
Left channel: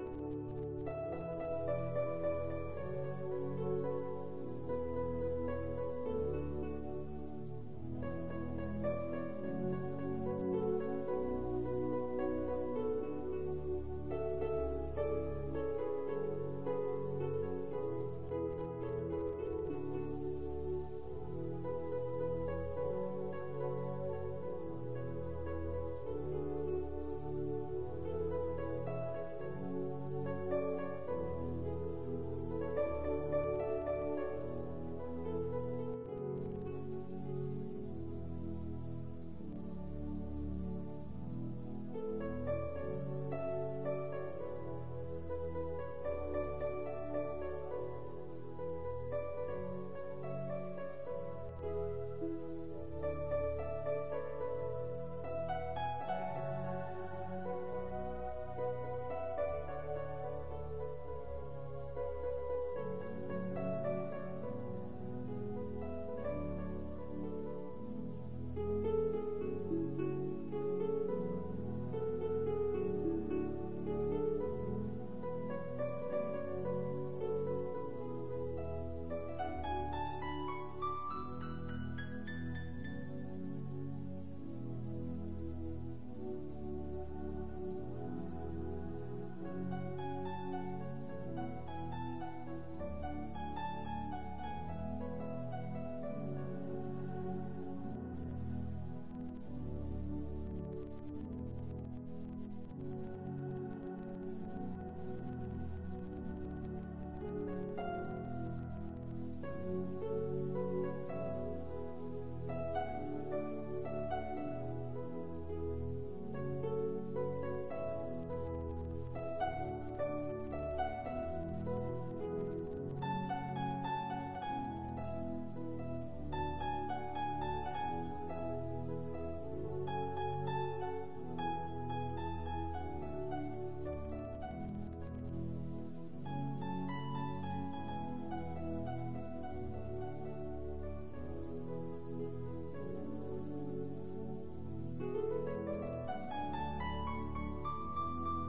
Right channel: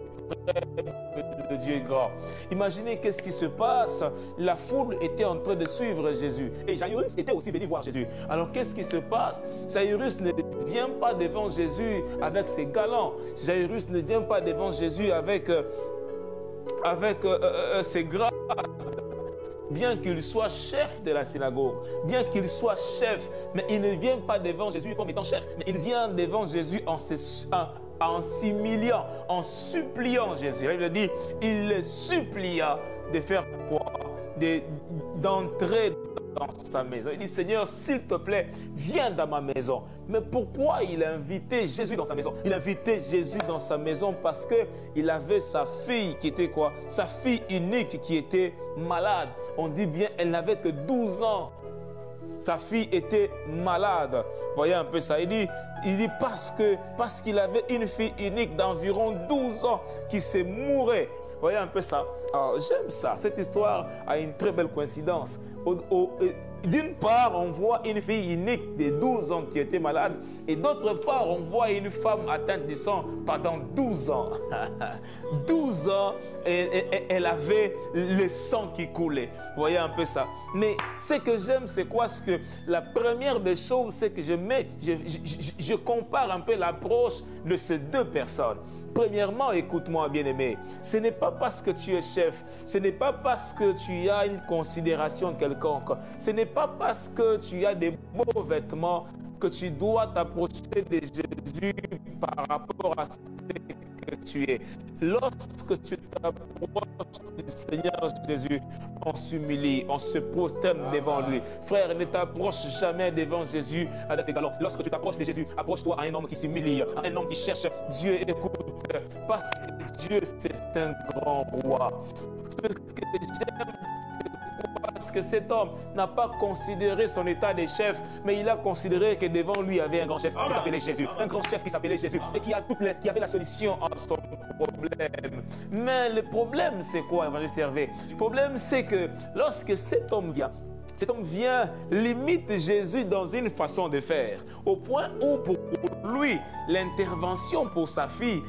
Le Dieu est grand. Imaginez qu'est-ce qui se passe. La foule était en train de suivre Jésus. Et Jairus était aussi venu voir Jésus. Alors qu'est-ce qui se passe? Jairus ne vient pas devant Jésus avec ses galants. Jairus ne vient pas devant Jésus avec ses grades. Bien qu'il soit chef de la synagogue, bien qu'il soit chef, mais il ne vient pas devant Jésus comme étant chef, mais il vient devant Jésus en s'humiliant, en suppliant Jésus. Il veut dire, il le supplia de faire quoi? D'entrer dans sa maison. Il dit, Seigneur, s'il te plaît, viens dans ma maison. Mais pourquoi il a invité Jésus dans sa maison? Il a invité Jésus dans sa maison parce qu'il avait sa fille qui était quoi? Sa fille unique qui était malade. On dit bien, elle n'avait que 12 ans. Sa fille était malade. Voyez un peu ça. Il dit parce qu'il avait une fille unique d'environ 12 ans qui se mourait. Voyez un peu ça. Alors, j'aime ça. Cette histoire a une très belle coïncidence. d'une part, on voit une fille unique de 12 ans qui était malade, et d'autre part, on voit une femme atteinte du sang pendant 12 ans. 12 ans, elle avait le sang qui coulait. Vous voyez un peu ça. Mais ce que j'aime, c'est quoi? Ce que la première des choses, c'est que je compare un peu l'approche de ces deux personnes. Premièrement, écoute-moi, bien-aimé, ce n'est pas parce que tu es chef, ce n'est pas parce que tu as une considération quelconque, ce n'est pas parce que tu as des beaux vêtements que tu dois t'approcher de Jésus par rapport à ce que tu es. Lorsque tu t'approches du Seigneur Jésus, on s'humilie, on se prosterne devant lui. Frère, ne t'approche jamais devant Jésus avec tes galons. Lorsque tu t'approches de Jésus, approche-toi à un homme qui s'humilie, à un homme qui cherche Dieu. Écoute, parce que Dieu, c'est un grand roi. Ce que j'aime, parce que cet homme n'a pas considéré son état de chef, mais il a considéré que devant lui il y avait un grand chef qui s'appelait Jésus. Un grand chef qui s'appelait Jésus et qui avait la solution à son problème. Mais le problème, c'est quoi, évangéliste Hervé? Le problème, c'est que lorsque cet homme vient, limite Jésus dans une façon de faire, au point où pour lui, l'intervention pour sa fille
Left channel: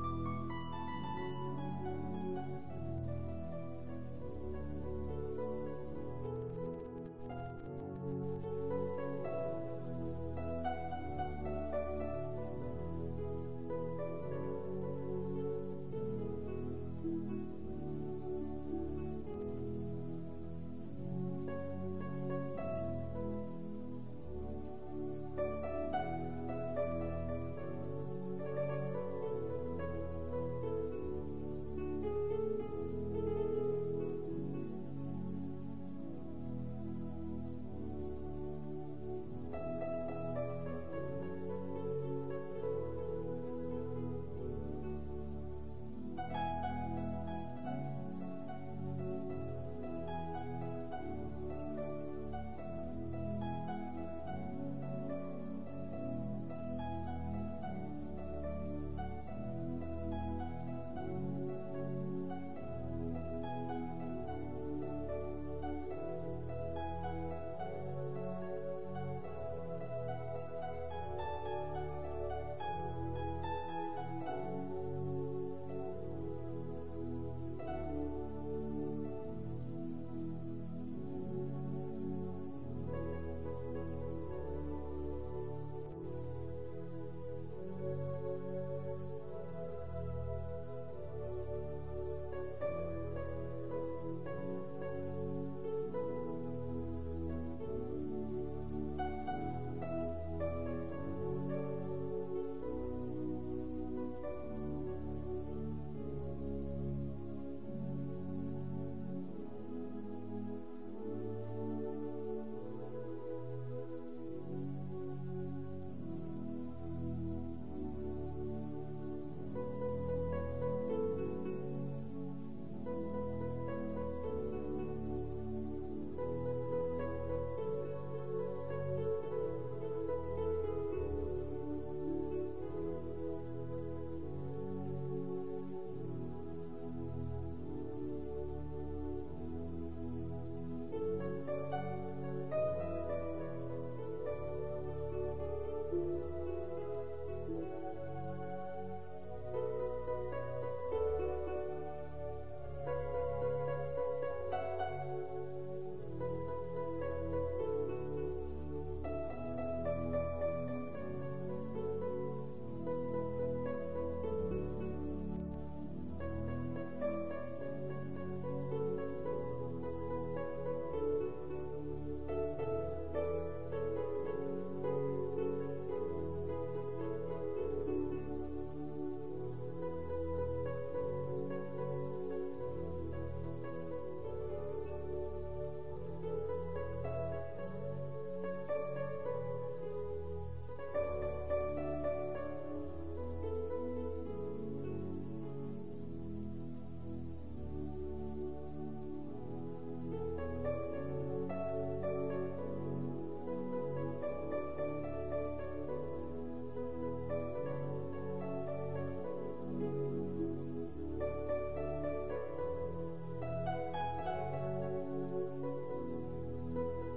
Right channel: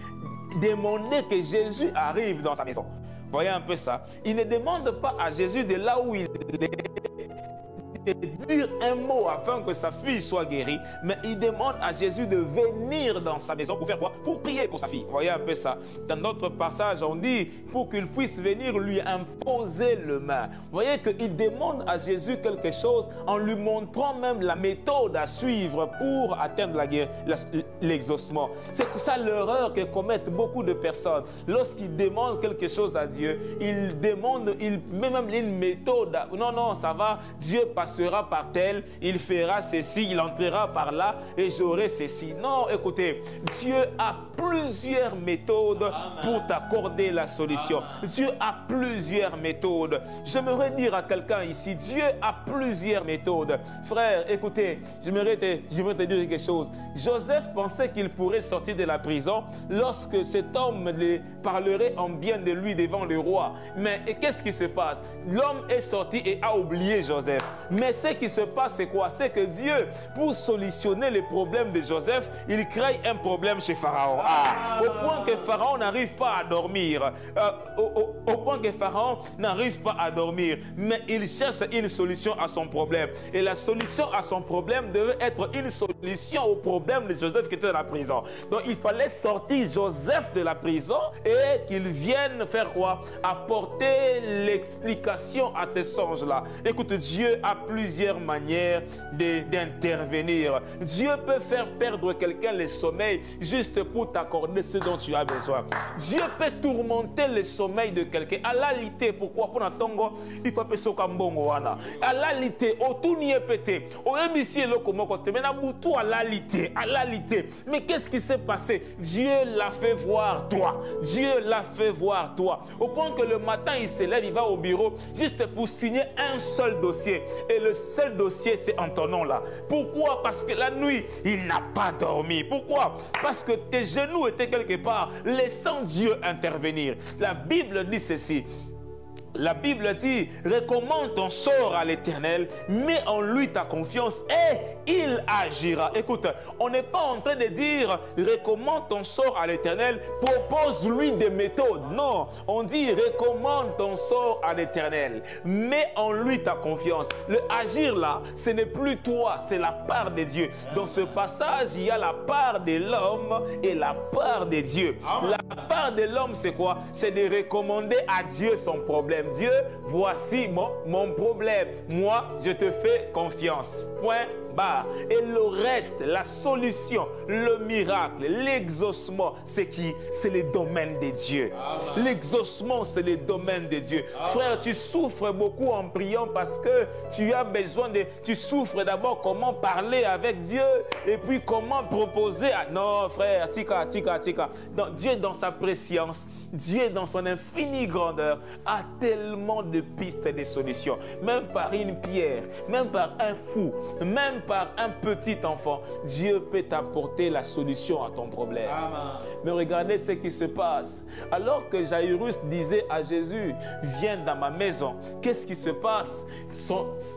demandait que Jésus arrive dans sa maison. Voyez un peu ça. Il ne demande pas à Jésus de là où il est de dire un mot afin que sa fille soit guérie, mais il demande à Jésus de venir dans sa maison pour faire quoi? Pour prier pour sa fille. Voyez un peu ça. Dans notre passage, on dit pour qu'il puisse venir lui imposer le main. Vous voyez qu'il demande à Jésus quelque chose en lui montrant même la méthode à suivre pour atteindre l'exaucement. C'est ça l'erreur que commettent beaucoup de personnes. Lorsqu'ils demandent quelque chose à Dieu, ils met même une méthode. Non, ça va, Dieu passera par tel, il fera ceci, il entrera par là et j'aurai ceci. Non, écoutez, Dieu a plusieurs méthodes pour t'accorder la solution. Dieu a plusieurs méthodes. J'aimerais dire à quelqu'un ici, Dieu a plusieurs méthodes. Frère, écoutez, j'aimerais te dire quelque chose. Joseph pensait qu'il pourrait sortir de la prison lorsque cet homme parlerait en bien de lui devant le roi. Mais qu'est-ce qui se passe? L'homme est sorti et a oublié Joseph. Mais ce qui se passe, c'est quoi? C'est que Dieu, pour solutionner les problèmes de Joseph, il crée un problème chez Pharaon. Au point que Pharaon n'arrive pas à dormir. Au point que Pharaon n'arrive pas à dormir. Mais il cherche une solution à son problème. Et la solution à son problème devait être une solution au problème de Joseph qui était dans la prison. Donc il fallait sortir Joseph de la prison et qu'il vienne faire quoi? Apporter l'explication à ces songes-là. Écoute, Dieu a plusieurs manières d'intervenir. Dieu peut faire perdre quelqu'un le sommeil juste pour t'accorder ce dont tu as besoin. Dieu peut tourmenter le sommeil de quelqu'un. À la lité, pourquoi? Pour n'attendre, il faut appeler ça comme bon. À la lité, au tout n'y est pété. Au MIC, le comment côté. Mais tout à la lité, à la lité. Mais qu'est-ce qui s'est passé? Dieu l'a fait voir toi. Dieu l'a fait voir toi. Au point que le matin, il se lève, il va au bureau juste pour signer un seul dossier. Et le seul dossier, c'est en ton nom là. Pourquoi? Parce que la nuit, il n'a pas dormi. Pourquoi? Parce que tes genoux étaient quelque part, laissant Dieu intervenir. La Bible dit ceci. La Bible dit, recommande ton sort à l'Éternel, mets en lui ta confiance et il agira. Écoute, on n'est pas en train de dire, recommande ton sort à l'Éternel, propose-lui des méthodes. Non, on dit, recommande ton sort à l'Éternel, mets en lui ta confiance. Le agir là, ce n'est plus toi, c'est la part de Dieu. Dans ce passage, il y a la part de l'homme et la part de Dieu. La part de l'homme, c'est quoi? C'est de recommander à Dieu son problème. Dieu, voici mon problème. Moi, je te fais confiance. Point barre. Et le reste, la solution, le miracle, l'exaucement, c'est qui? C'est le domaine de Dieu. L'exaucement, c'est le domaine de Dieu. Frère, tu souffres beaucoup en priant parce que tu as besoin de... Tu souffres d'abord comment parler avec Dieu et puis comment proposer à... Non, frère, tika. Non, Dieu, dans sa préscience, Dieu, dans son infinie grandeur, a tellement de pistes et de solutions. Même par une pierre, même par un fou, même par un petit enfant, Dieu peut t'apporter la solution à ton problème. Amen. Mais regardez ce qui se passe. Alors que Jairus disait à Jésus, viens dans ma maison, qu'est-ce qui se passe?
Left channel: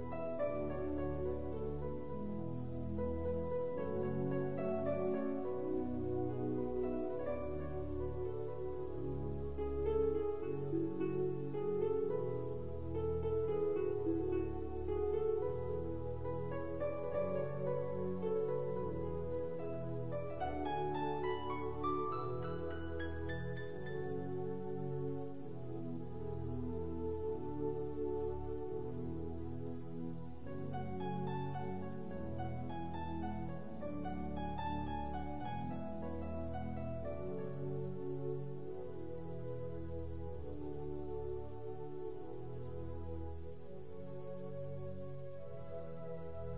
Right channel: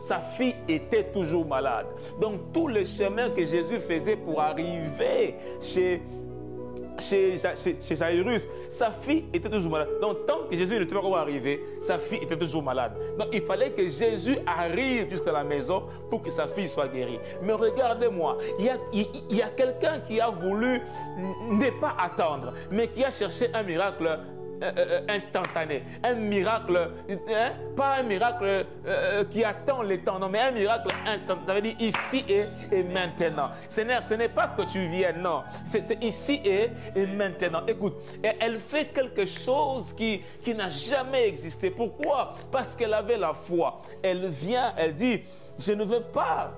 Sa fille était toujours malade. Donc tout le chemin que Jésus faisait pour arriver chez Jairus, sa fille était toujours malade. Donc tant que Jésus n'était pas encore arrivé, sa fille était toujours malade. Donc il fallait que Jésus arrive jusqu'à la maison pour que sa fille soit guérie. Mais regardez-moi, il y a quelqu'un qui a voulu ne pas attendre, mais qui a cherché un miracle instantané, un miracle, pas un miracle qui attend le temps, non, mais un miracle instantané. Ça veut dire ici et maintenant. Ce n'est pas que tu viennes, non, c'est ici et maintenant. Écoute, elle fait quelque chose qui n'a jamais existé. Pourquoi? Parce qu'elle avait la foi. Elle vient, elle dit, je ne veux pas.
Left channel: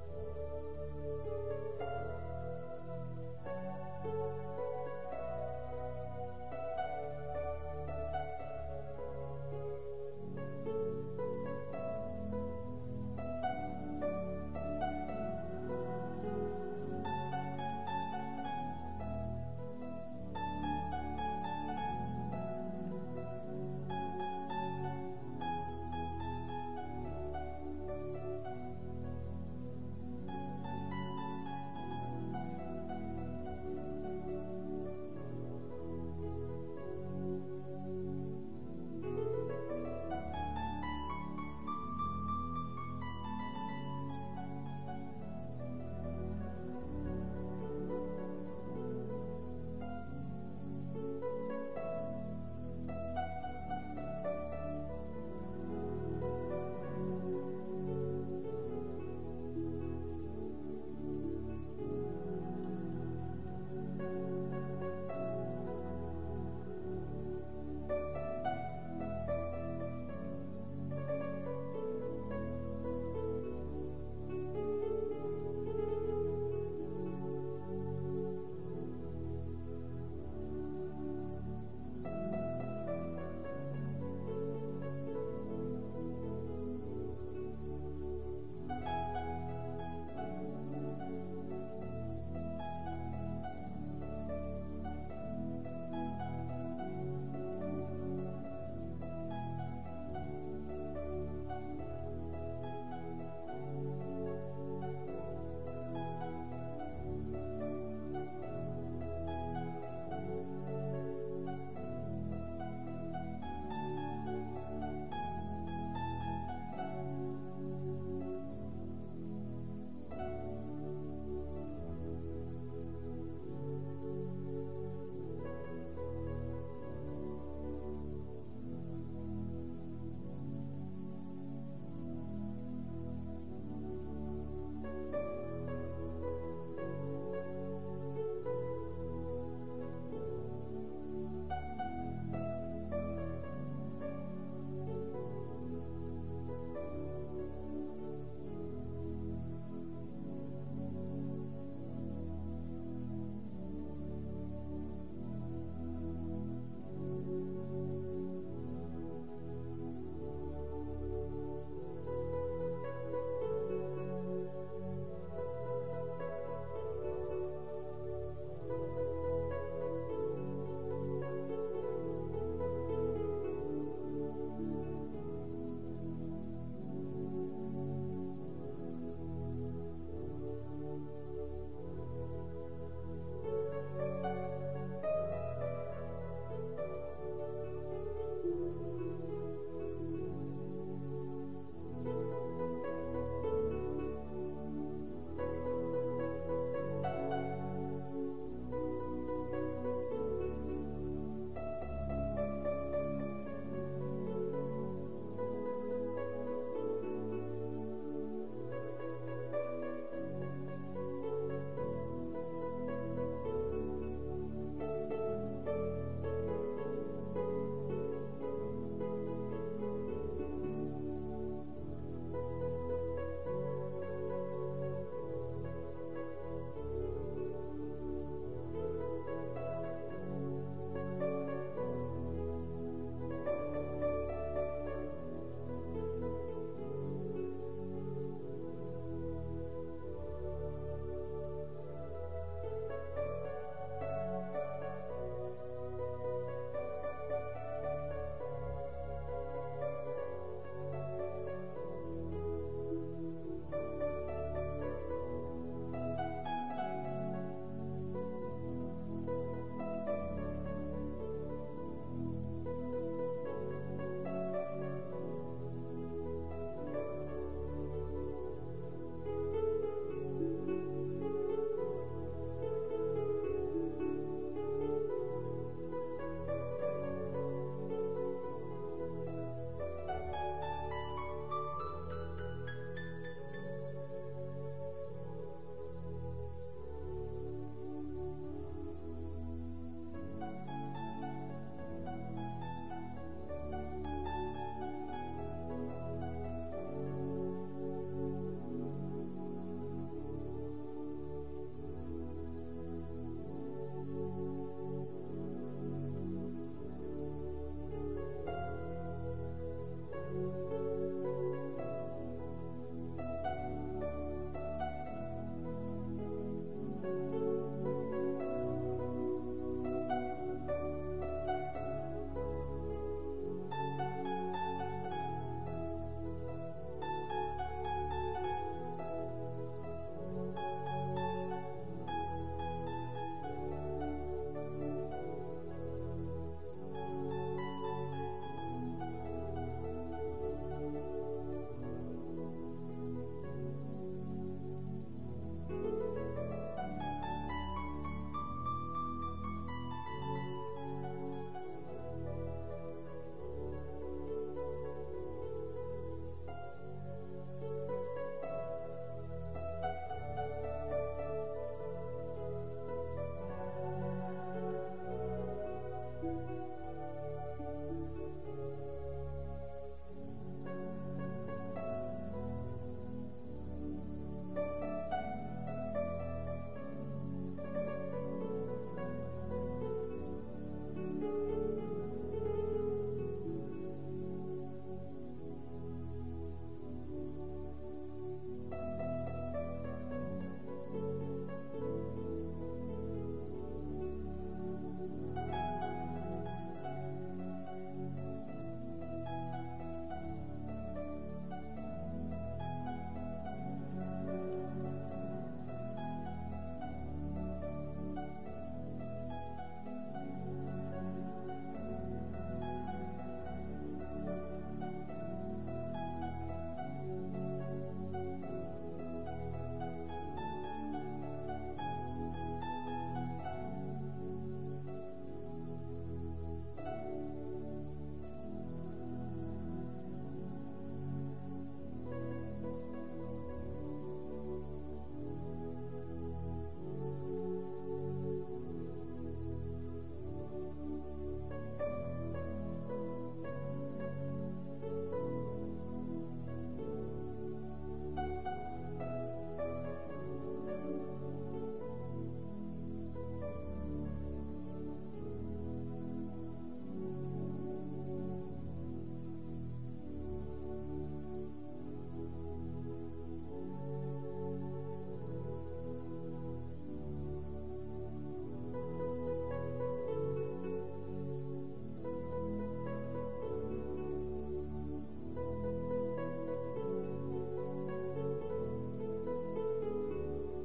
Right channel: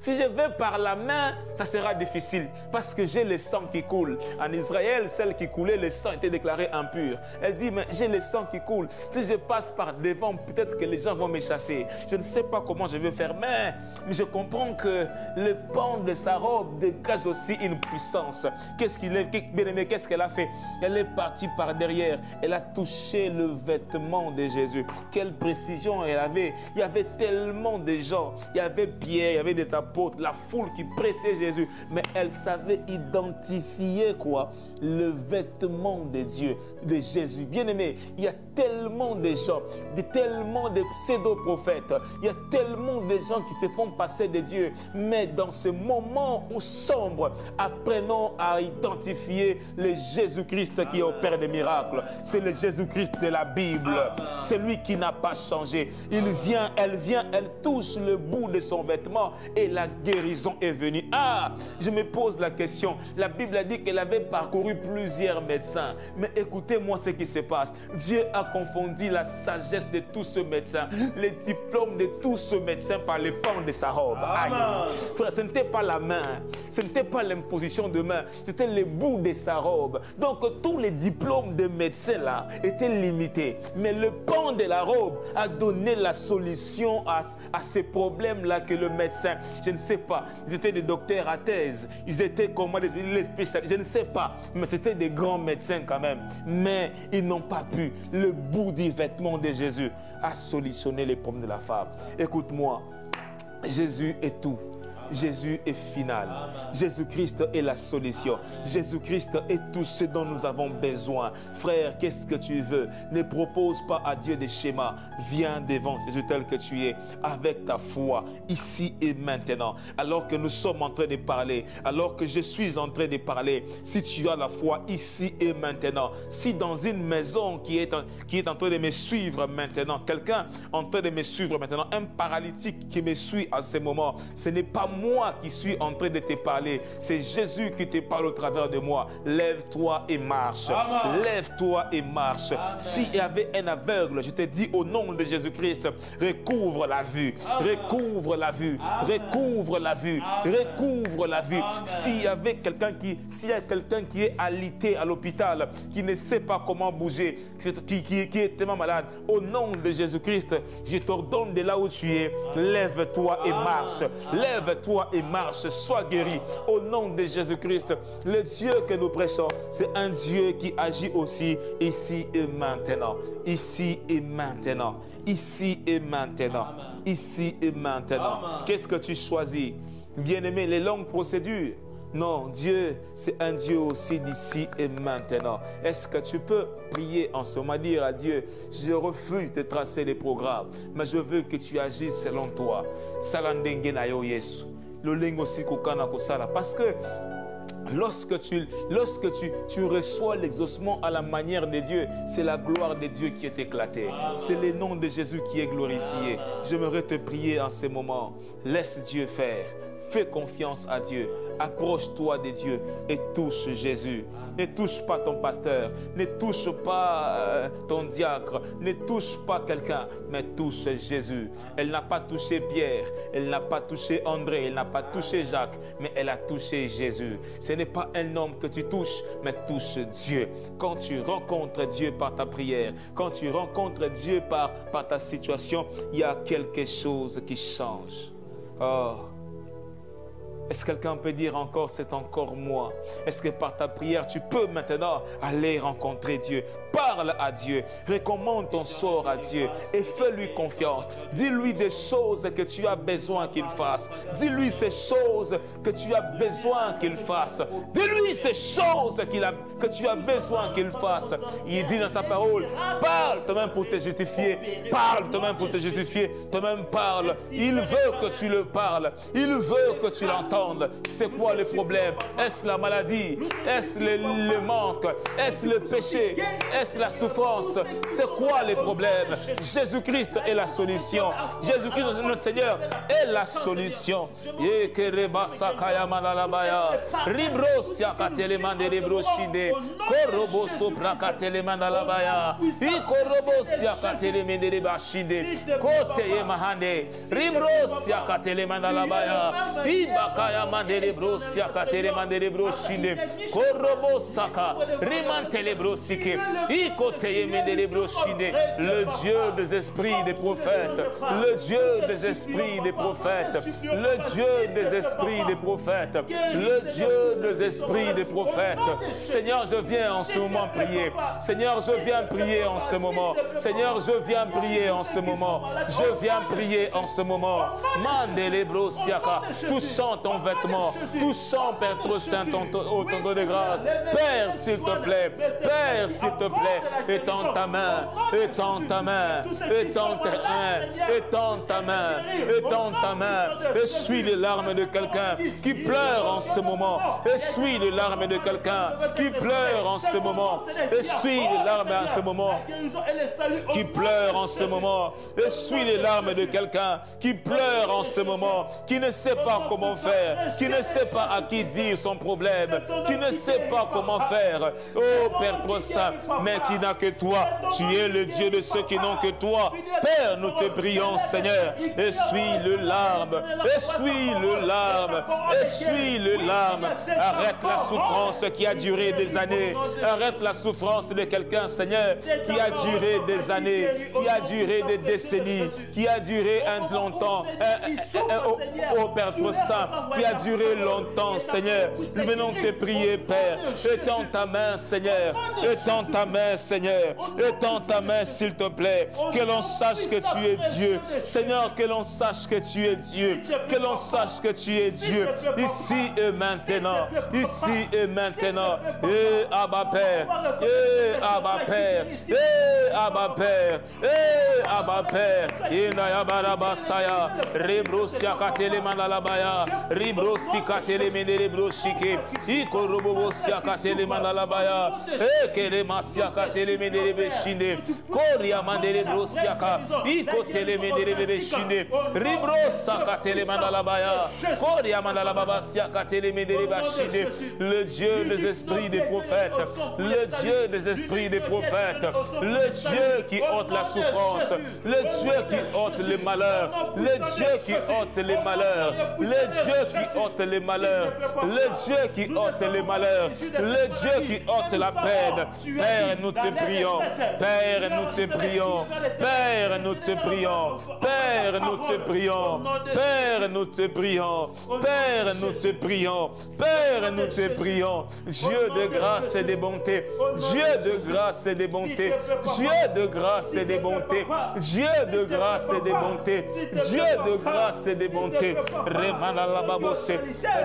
Si je vais par la main, ça sera difficile parce que j'ai le sang qui coule. En Israël, celle qui coulait, le sang était déclaré impur. Elle dit, mais j'ai le sang qui coule. Si je passe par devant, peut-être que les gens vont me chasser. Je ne sais pas comment je vais faire, mais je comprends que le pan de sa robe dégage aussi une puissance. Qu'est-ce qu'elle a fait? Elle est partie par derrière. Elle a touché le vêtement de Jésus. Quelle précision elle avait. Il y avait tellement de gens. Il y avait Pierre, il y avait des apôtres, la foule qui pressait Jésus, mais elle savait identifier quoi? Le vêtement de Dieu, de Jésus. Bien-aimé, il y a tellement de gens, tellement de pseudo-prophètes, il y a tellement de gens qui se font passer de Dieu, mais dans ce moment sombre, apprenons à identifier le Jésus-Christ qui opère des miracles. C'est le Jésus-Christ de la Bible, c'est lui qui n'a pas changé. Il vient, elle touche le bout de son vêtement et la guérison est venue. Ah, je me pose la question. La Bible a dit qu'elle avait parcouru plusieurs médecins. Mais écoutez-moi ce qui se passe. Dieu a confondu la sagesse de tous ces médecins, les diplômes de tous ces médecins par les pans de sa robe. Aïe. Frère, ce n'était pas la main, ce n'était pas l'imposition de main, c'était le bout de sa robe. Donc tous les diplômes de médecins là étaient limités. Mais le pan de la robe a donné la solution à ces problèmes-là que le médecin, je ne sais pas, ils étaient des docteurs à thèse, ils étaient comment, les spécialistes, je ne sais pas, mais c'était des grands médecins quand même. Mais ils n'ont pas pu. Le bout du vêtement de Jésus a solutionné les problèmes de la femme. Écoute-moi, Jésus est tout. Jésus est final. Jésus-Christ est la solution. Jésus-Christ est tout ce dont nous avons besoin. Frère, qu'est-ce que tu veux? Ne propose pas à Dieu des schémas. Viens devant Jésus tel que tu es, avec ta foi, ici et maintenant. Alors que nous sommes en train de parler, alors que je suis en train de parler, si tu as la foi ici et maintenant, si dans une maison qui est en train de me suivre maintenant, quelqu'un en train de me suivre maintenant, un paralytique qui me suit à ce moment, ce n'est pas moi qui suis en train de te parler, c'est Jésus qui te parle au travers de moi. Lève-toi et marche. Lève-toi et marche. S'il y avait un aveugle, je te dis au nom de Jésus-Christ, recouvre la vue. Recouvre la vue. Recouvre la vue. Recouvre la vue. S'il y avait quelqu'un qui est alité à l'hôpital, qui ne sait pas comment bouger, qui est tellement malade, au nom de Jésus-Christ, je t'ordonne de là où tu es, lève-toi et marche. Lève-toi et marche, sois guéri au nom de Jésus-Christ. Le Dieu que nous prêchons, c'est un Dieu qui agit aussi ici et maintenant. Ici et maintenant. Ici et maintenant. Ici et maintenant. Qu'est-ce que tu choisis? Bien-aimé, les longues procédures. Non, Dieu, c'est un Dieu aussi d'ici et maintenant. Est-ce que tu peux prier en ce moment, dire à Dieu, je refuse de tracer les programmes, mais je veux que tu agisses selon toi. Parce que lorsque tu reçois l'exaucement à la manière de Dieu, c'est la gloire de Dieu qui est éclatée. C'est le nom de Jésus qui est glorifié. J'aimerais te prier en ce moment. Laisse Dieu faire. Fais confiance à Dieu. Approche-toi de Dieu et touche Jésus. Ne touche pas ton pasteur, ne touche pas ton diacre, ne touche pas quelqu'un, mais touche Jésus. Elle n'a pas touché Pierre, elle n'a pas touché André, elle n'a pas touché Jacques, mais elle a touché Jésus. Ce n'est pas un homme que tu touches, mais touche Dieu. Quand tu rencontres Dieu par ta prière, quand tu rencontres Dieu par ta situation, il y a quelque chose qui change. Oh. Est-ce que quelqu'un peut dire encore, c'est encore moi? Est-ce que par ta prière, tu peux maintenant aller rencontrer Dieu? Parle à Dieu, recommande ton sort à Dieu et fais-lui confiance. Dis-lui des choses que tu as besoin qu'il fasse. Dis-lui ces choses que tu as besoin qu'il fasse. Dis-lui ces choses que tu as besoin qu'il fasse. Il dit dans sa parole, parle toi-même pour te justifier. Parle toi-même pour te justifier. Toi-même parle. Il veut que tu le parles. Il veut que tu l'entendes. C'est quoi le problème? Est-ce la maladie? Est-ce le manque? Est-ce le péché? Est-ce la souffrance? C'est quoi les problèmes? Jésus-Christ est la solution. Jésus-Christ, notre Seigneur, est la solution. Le Dieu des esprits des prophètes, le Dieu des esprits des prophètes, le Dieu des esprits des prophètes, le Dieu des esprits des prophètes. Seigneur, je viens en ce moment prier. Seigneur, je viens prier en ce moment. Seigneur, je viens prier en ce moment. Je viens prier en ce moment. Touchant ton vêtement, touchant Père trop saint, ton tonneau de grâce. Père, s'il te plaît, Père, s'il te plaît, étends ta main, étends ta main, étends ta main, étends ta main, étends ta main. Essuie les larmes de quelqu'un qui pleure en ce moment. Essuie les larmes de quelqu'un qui pleure en ce moment. Essuie les larmes en ce moment. Qui pleure en ce moment. Essuie les larmes de quelqu'un qui pleure en ce moment, qui ne sait pas comment faire, qui ne sait pas à qui dire son problème, qui ne sait pas comment faire. Oh Père trop saint, mais qui n'a que toi. Tu es le Dieu de ceux qui n'ont que toi. Père, nous te prions, Seigneur. Essuie le larme, essuie le larme, essuie le larme. Arrête la souffrance qui a duré des années. Arrête la souffrance de quelqu'un, Seigneur, qui a duré des années, qui a duré des décennies, qui a duré longtemps. Oh Père trop saint, qui a duré longtemps, Seigneur. Nous venons te prier, Père. Étends ta main, Seigneur. Étends ta main, Seigneur. Étends ta main, s'il te plaît. Que l'on sache que tu es Dieu. Seigneur, que l'on sache que tu es Dieu. Que l'on sache que tu es Dieu. Ici et maintenant. Ici et maintenant. Et Abba Père. Et Abba Père. Et Abba Père. Et Abba Père. Inayabarabasaya. Rebrosia katele mandalabaya. Ribrosi katele mendere broshike. Ikorobosia katele mandalabaya. Ekeremasia katele mendere beshinde. Koria mandere brosiaka. Ikotele mendere beshinde. Ribrosa katele mandalabaya. Koria mandalabasia katele mendere beshinde. Le Dieu des esprits des prophètes. Le Dieu des esprits des prophètes. Le Dieu qui ôte la souffrance. Le Dieu qui ôte les malheurs. Le Dieu qui ôte les malheurs. Le Dieu qui ôte les malheurs. Le Dieu qui ôte les malheurs. Le Dieu qui ôte la peine. Père, nous te prions. Père, nous te prions. Père, nous te prions. Père, nous te prions. Père, nous te prions. Père, nous te prions. Père, nous te prions. Dieu de grâce et de bonté. Dieu de grâce et de bonté. Dieu de grâce et de bonté. Dieu de grâce et de bonté. Dieu de grâce et de bonté. Remana la babose.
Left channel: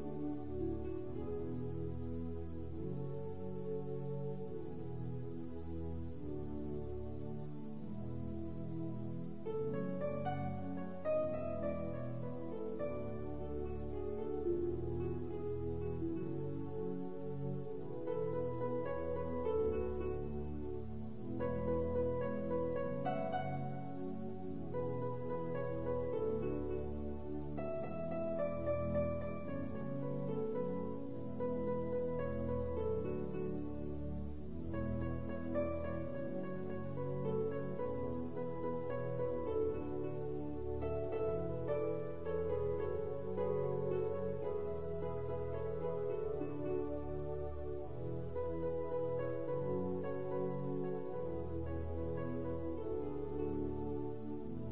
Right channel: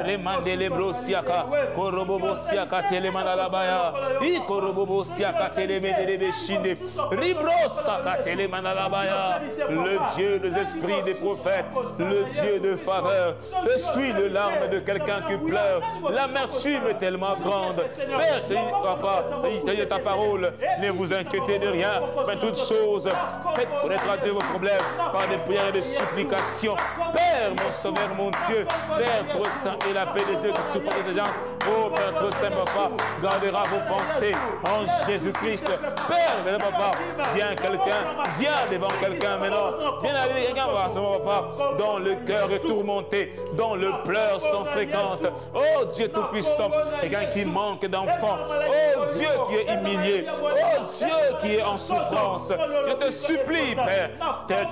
Remande les brosiaka. Korobosiaka telemana la baya. I korobosiaka telemene de beshinde. Ribrosaka telemana la baya. Le Dieu des esprits des prophètes. Le Dieu de faveur. Essuie le larme de quelqu'un qui pleure. L'amertume est tellement grande. Père, papa, il ta parole. Ne vous inquiétez de rien. Mais toutes choses, faites connaître à Dieu vos problèmes par des prières et des supplications. Père, mon sauveur, mon Dieu. Père, trop saint et la paix de Dieu qui supporte les gens. Oh, Père, trop saint, papa, gardera vos pensées en Jésus-Christ. Père, papa, viens quelqu'un, viens devant quelqu'un maintenant. Viens avec quelqu'un, papa, dont le cœur est tourmenté, dont le pleurs sont fréquentes. Oh, Dieu Tout-Puissant, quelqu'un qui manque d'enfants. Oh, Dieu qui est humilié. Oh, Dieu qui est en souffrance. Je te supplie, Père,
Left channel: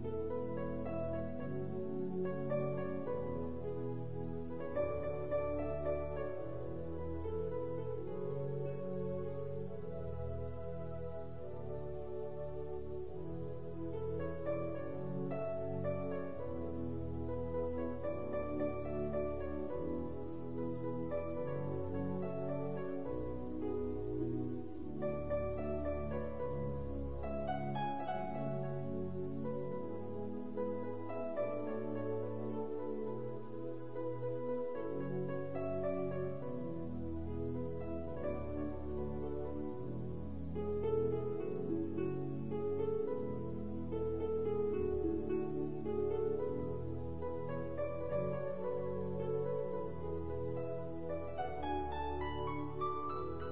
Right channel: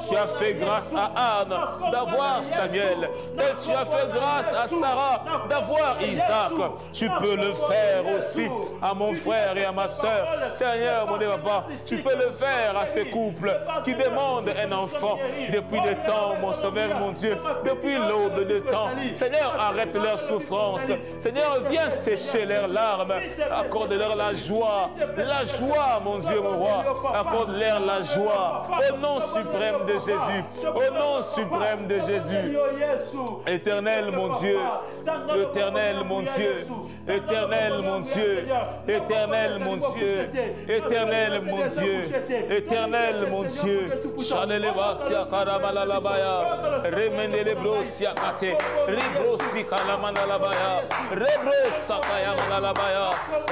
tu as fait grâce à Anne d'avoir d'avoir Samuel, tel tu as fait grâce à Sarah d'avoir Isaac, tu peux le faire aussi à mon frère et à ma soeur. Seigneur, mon Dieu, papa, tu peux le faire à ces couples qui demandent un enfant depuis des temps, mon Sauveur, mon Dieu, depuis l'aube de temps. Seigneur, arrête leur souffrance. Seigneur, viens sécher leurs larmes. Accorde-leur la joie, mon Dieu, mon roi. Accorde-leur la joie. Au nom suprême de Jésus. Au nom suprême de Jésus. Éternel, mon Dieu. Éternel, mon Dieu. Éternel, mon Dieu. Éternel, mon Dieu. Éternel, mon Dieu. Éternel, mon Dieu. Chanelebasia Karabalalabaya. Remendelebrosia Kate. Ribrosi Kalamanalabaya. Rebrosa Kayamanalabaya.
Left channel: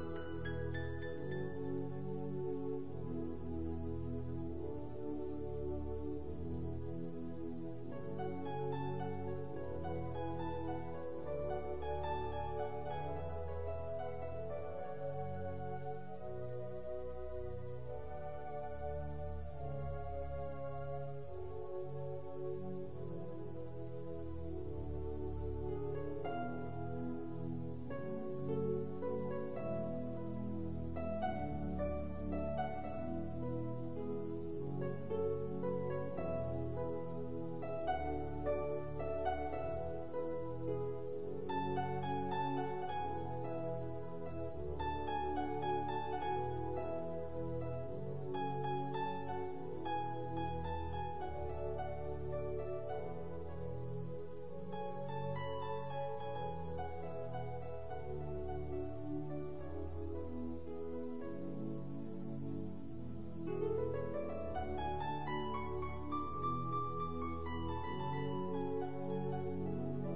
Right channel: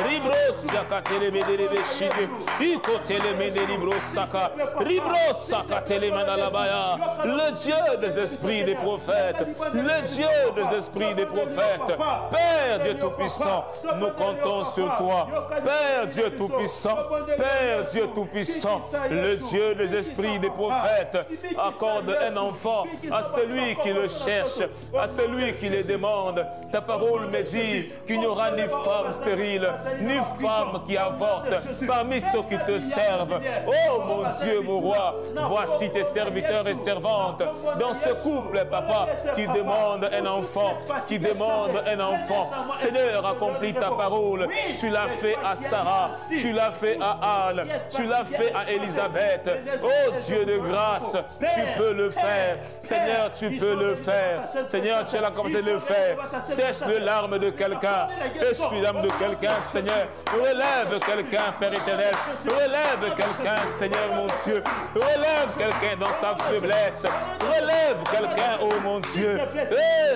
Ribrosia Katelebedebeshide. Ikotelemedelibrosaka. Ribrosa Katelemanalabaya. Le Dieu des esprits des prophètes. Le Dieu des esprits des prophètes. Père Dieu Tout-Puissant, nous comptons sur toi. Père Dieu Tout-Puissant, Père Dieu Tout-Puissant, le Dieu des esprits des prophètes, accorde un enfant à celui qui le cherche, à celui qui le demande. Ta parole me dit qu'il n'y aura ni femme stérile, ni femme qui avorte parmi ceux qui te servent. Oh mon Dieu, mon roi, voici tes serviteurs et servantes dans ce couple, papa, qui demande un enfant, qui demande un enfant. Seigneur, accomplis ta parole. Tu l'as fait à Sarah, tu l'as fait à Anne, tu l'as fait à Élisabeth. Oh Dieu de grâce, tu peux le faire. Seigneur, tu peux le faire. Seigneur, tu as la capacité de le faire. Sèche les larmes de quelqu'un. Essuie l'âme de quelqu'un, Seigneur. Relève quelqu'un, Père éternel. Relève quelqu'un, Seigneur mon Dieu. Relève quelqu'un dans sa faiblesse. Relève quelqu'un, oh mon Dieu.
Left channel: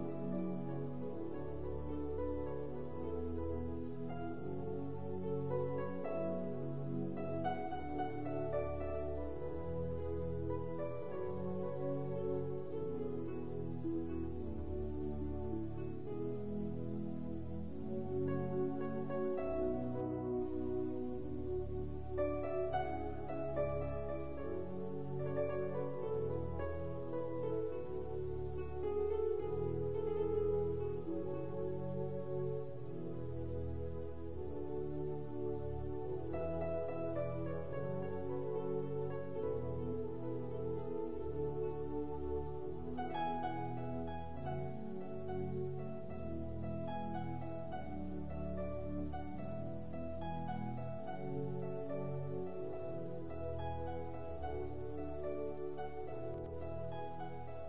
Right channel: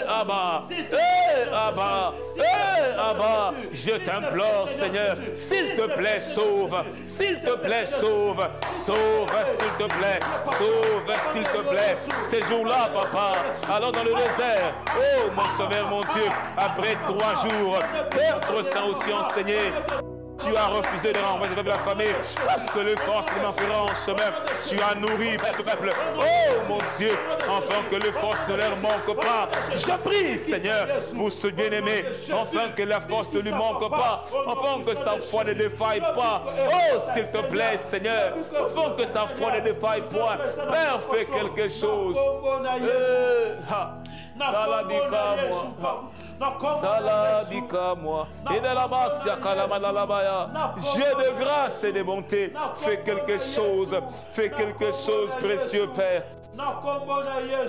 Abba, Abba, Abba, je t'implore, Seigneur, s'il te plaît, sauve. S'il te plaît, sauve. Sauve, s'il te plaît. Sauve, s'il te plaît. Ces jours-là, papa, allons dans le désert. Oh, mon Sauveur, mon Dieu, après 3 jours, Père Saint où tu enseigné. Tu as refusé de renvoyer la famille parce que les forces de l'enfant en chemin, tu as nourri ce peuple. Oh mon Dieu, afin que les forces ne leur manquent pas. Je prie, Seigneur, pour ce bien-aimé, afin que la force ne lui manque pas, afin que sa foi ne défaille pas. Oh, s'il te plaît, Seigneur, afin que sa foi ne défaille point. Père, fais quelque chose. Saladika moi. Et de la base, Dieu de grâce et de bonté, fais quelque chose, précieux Père.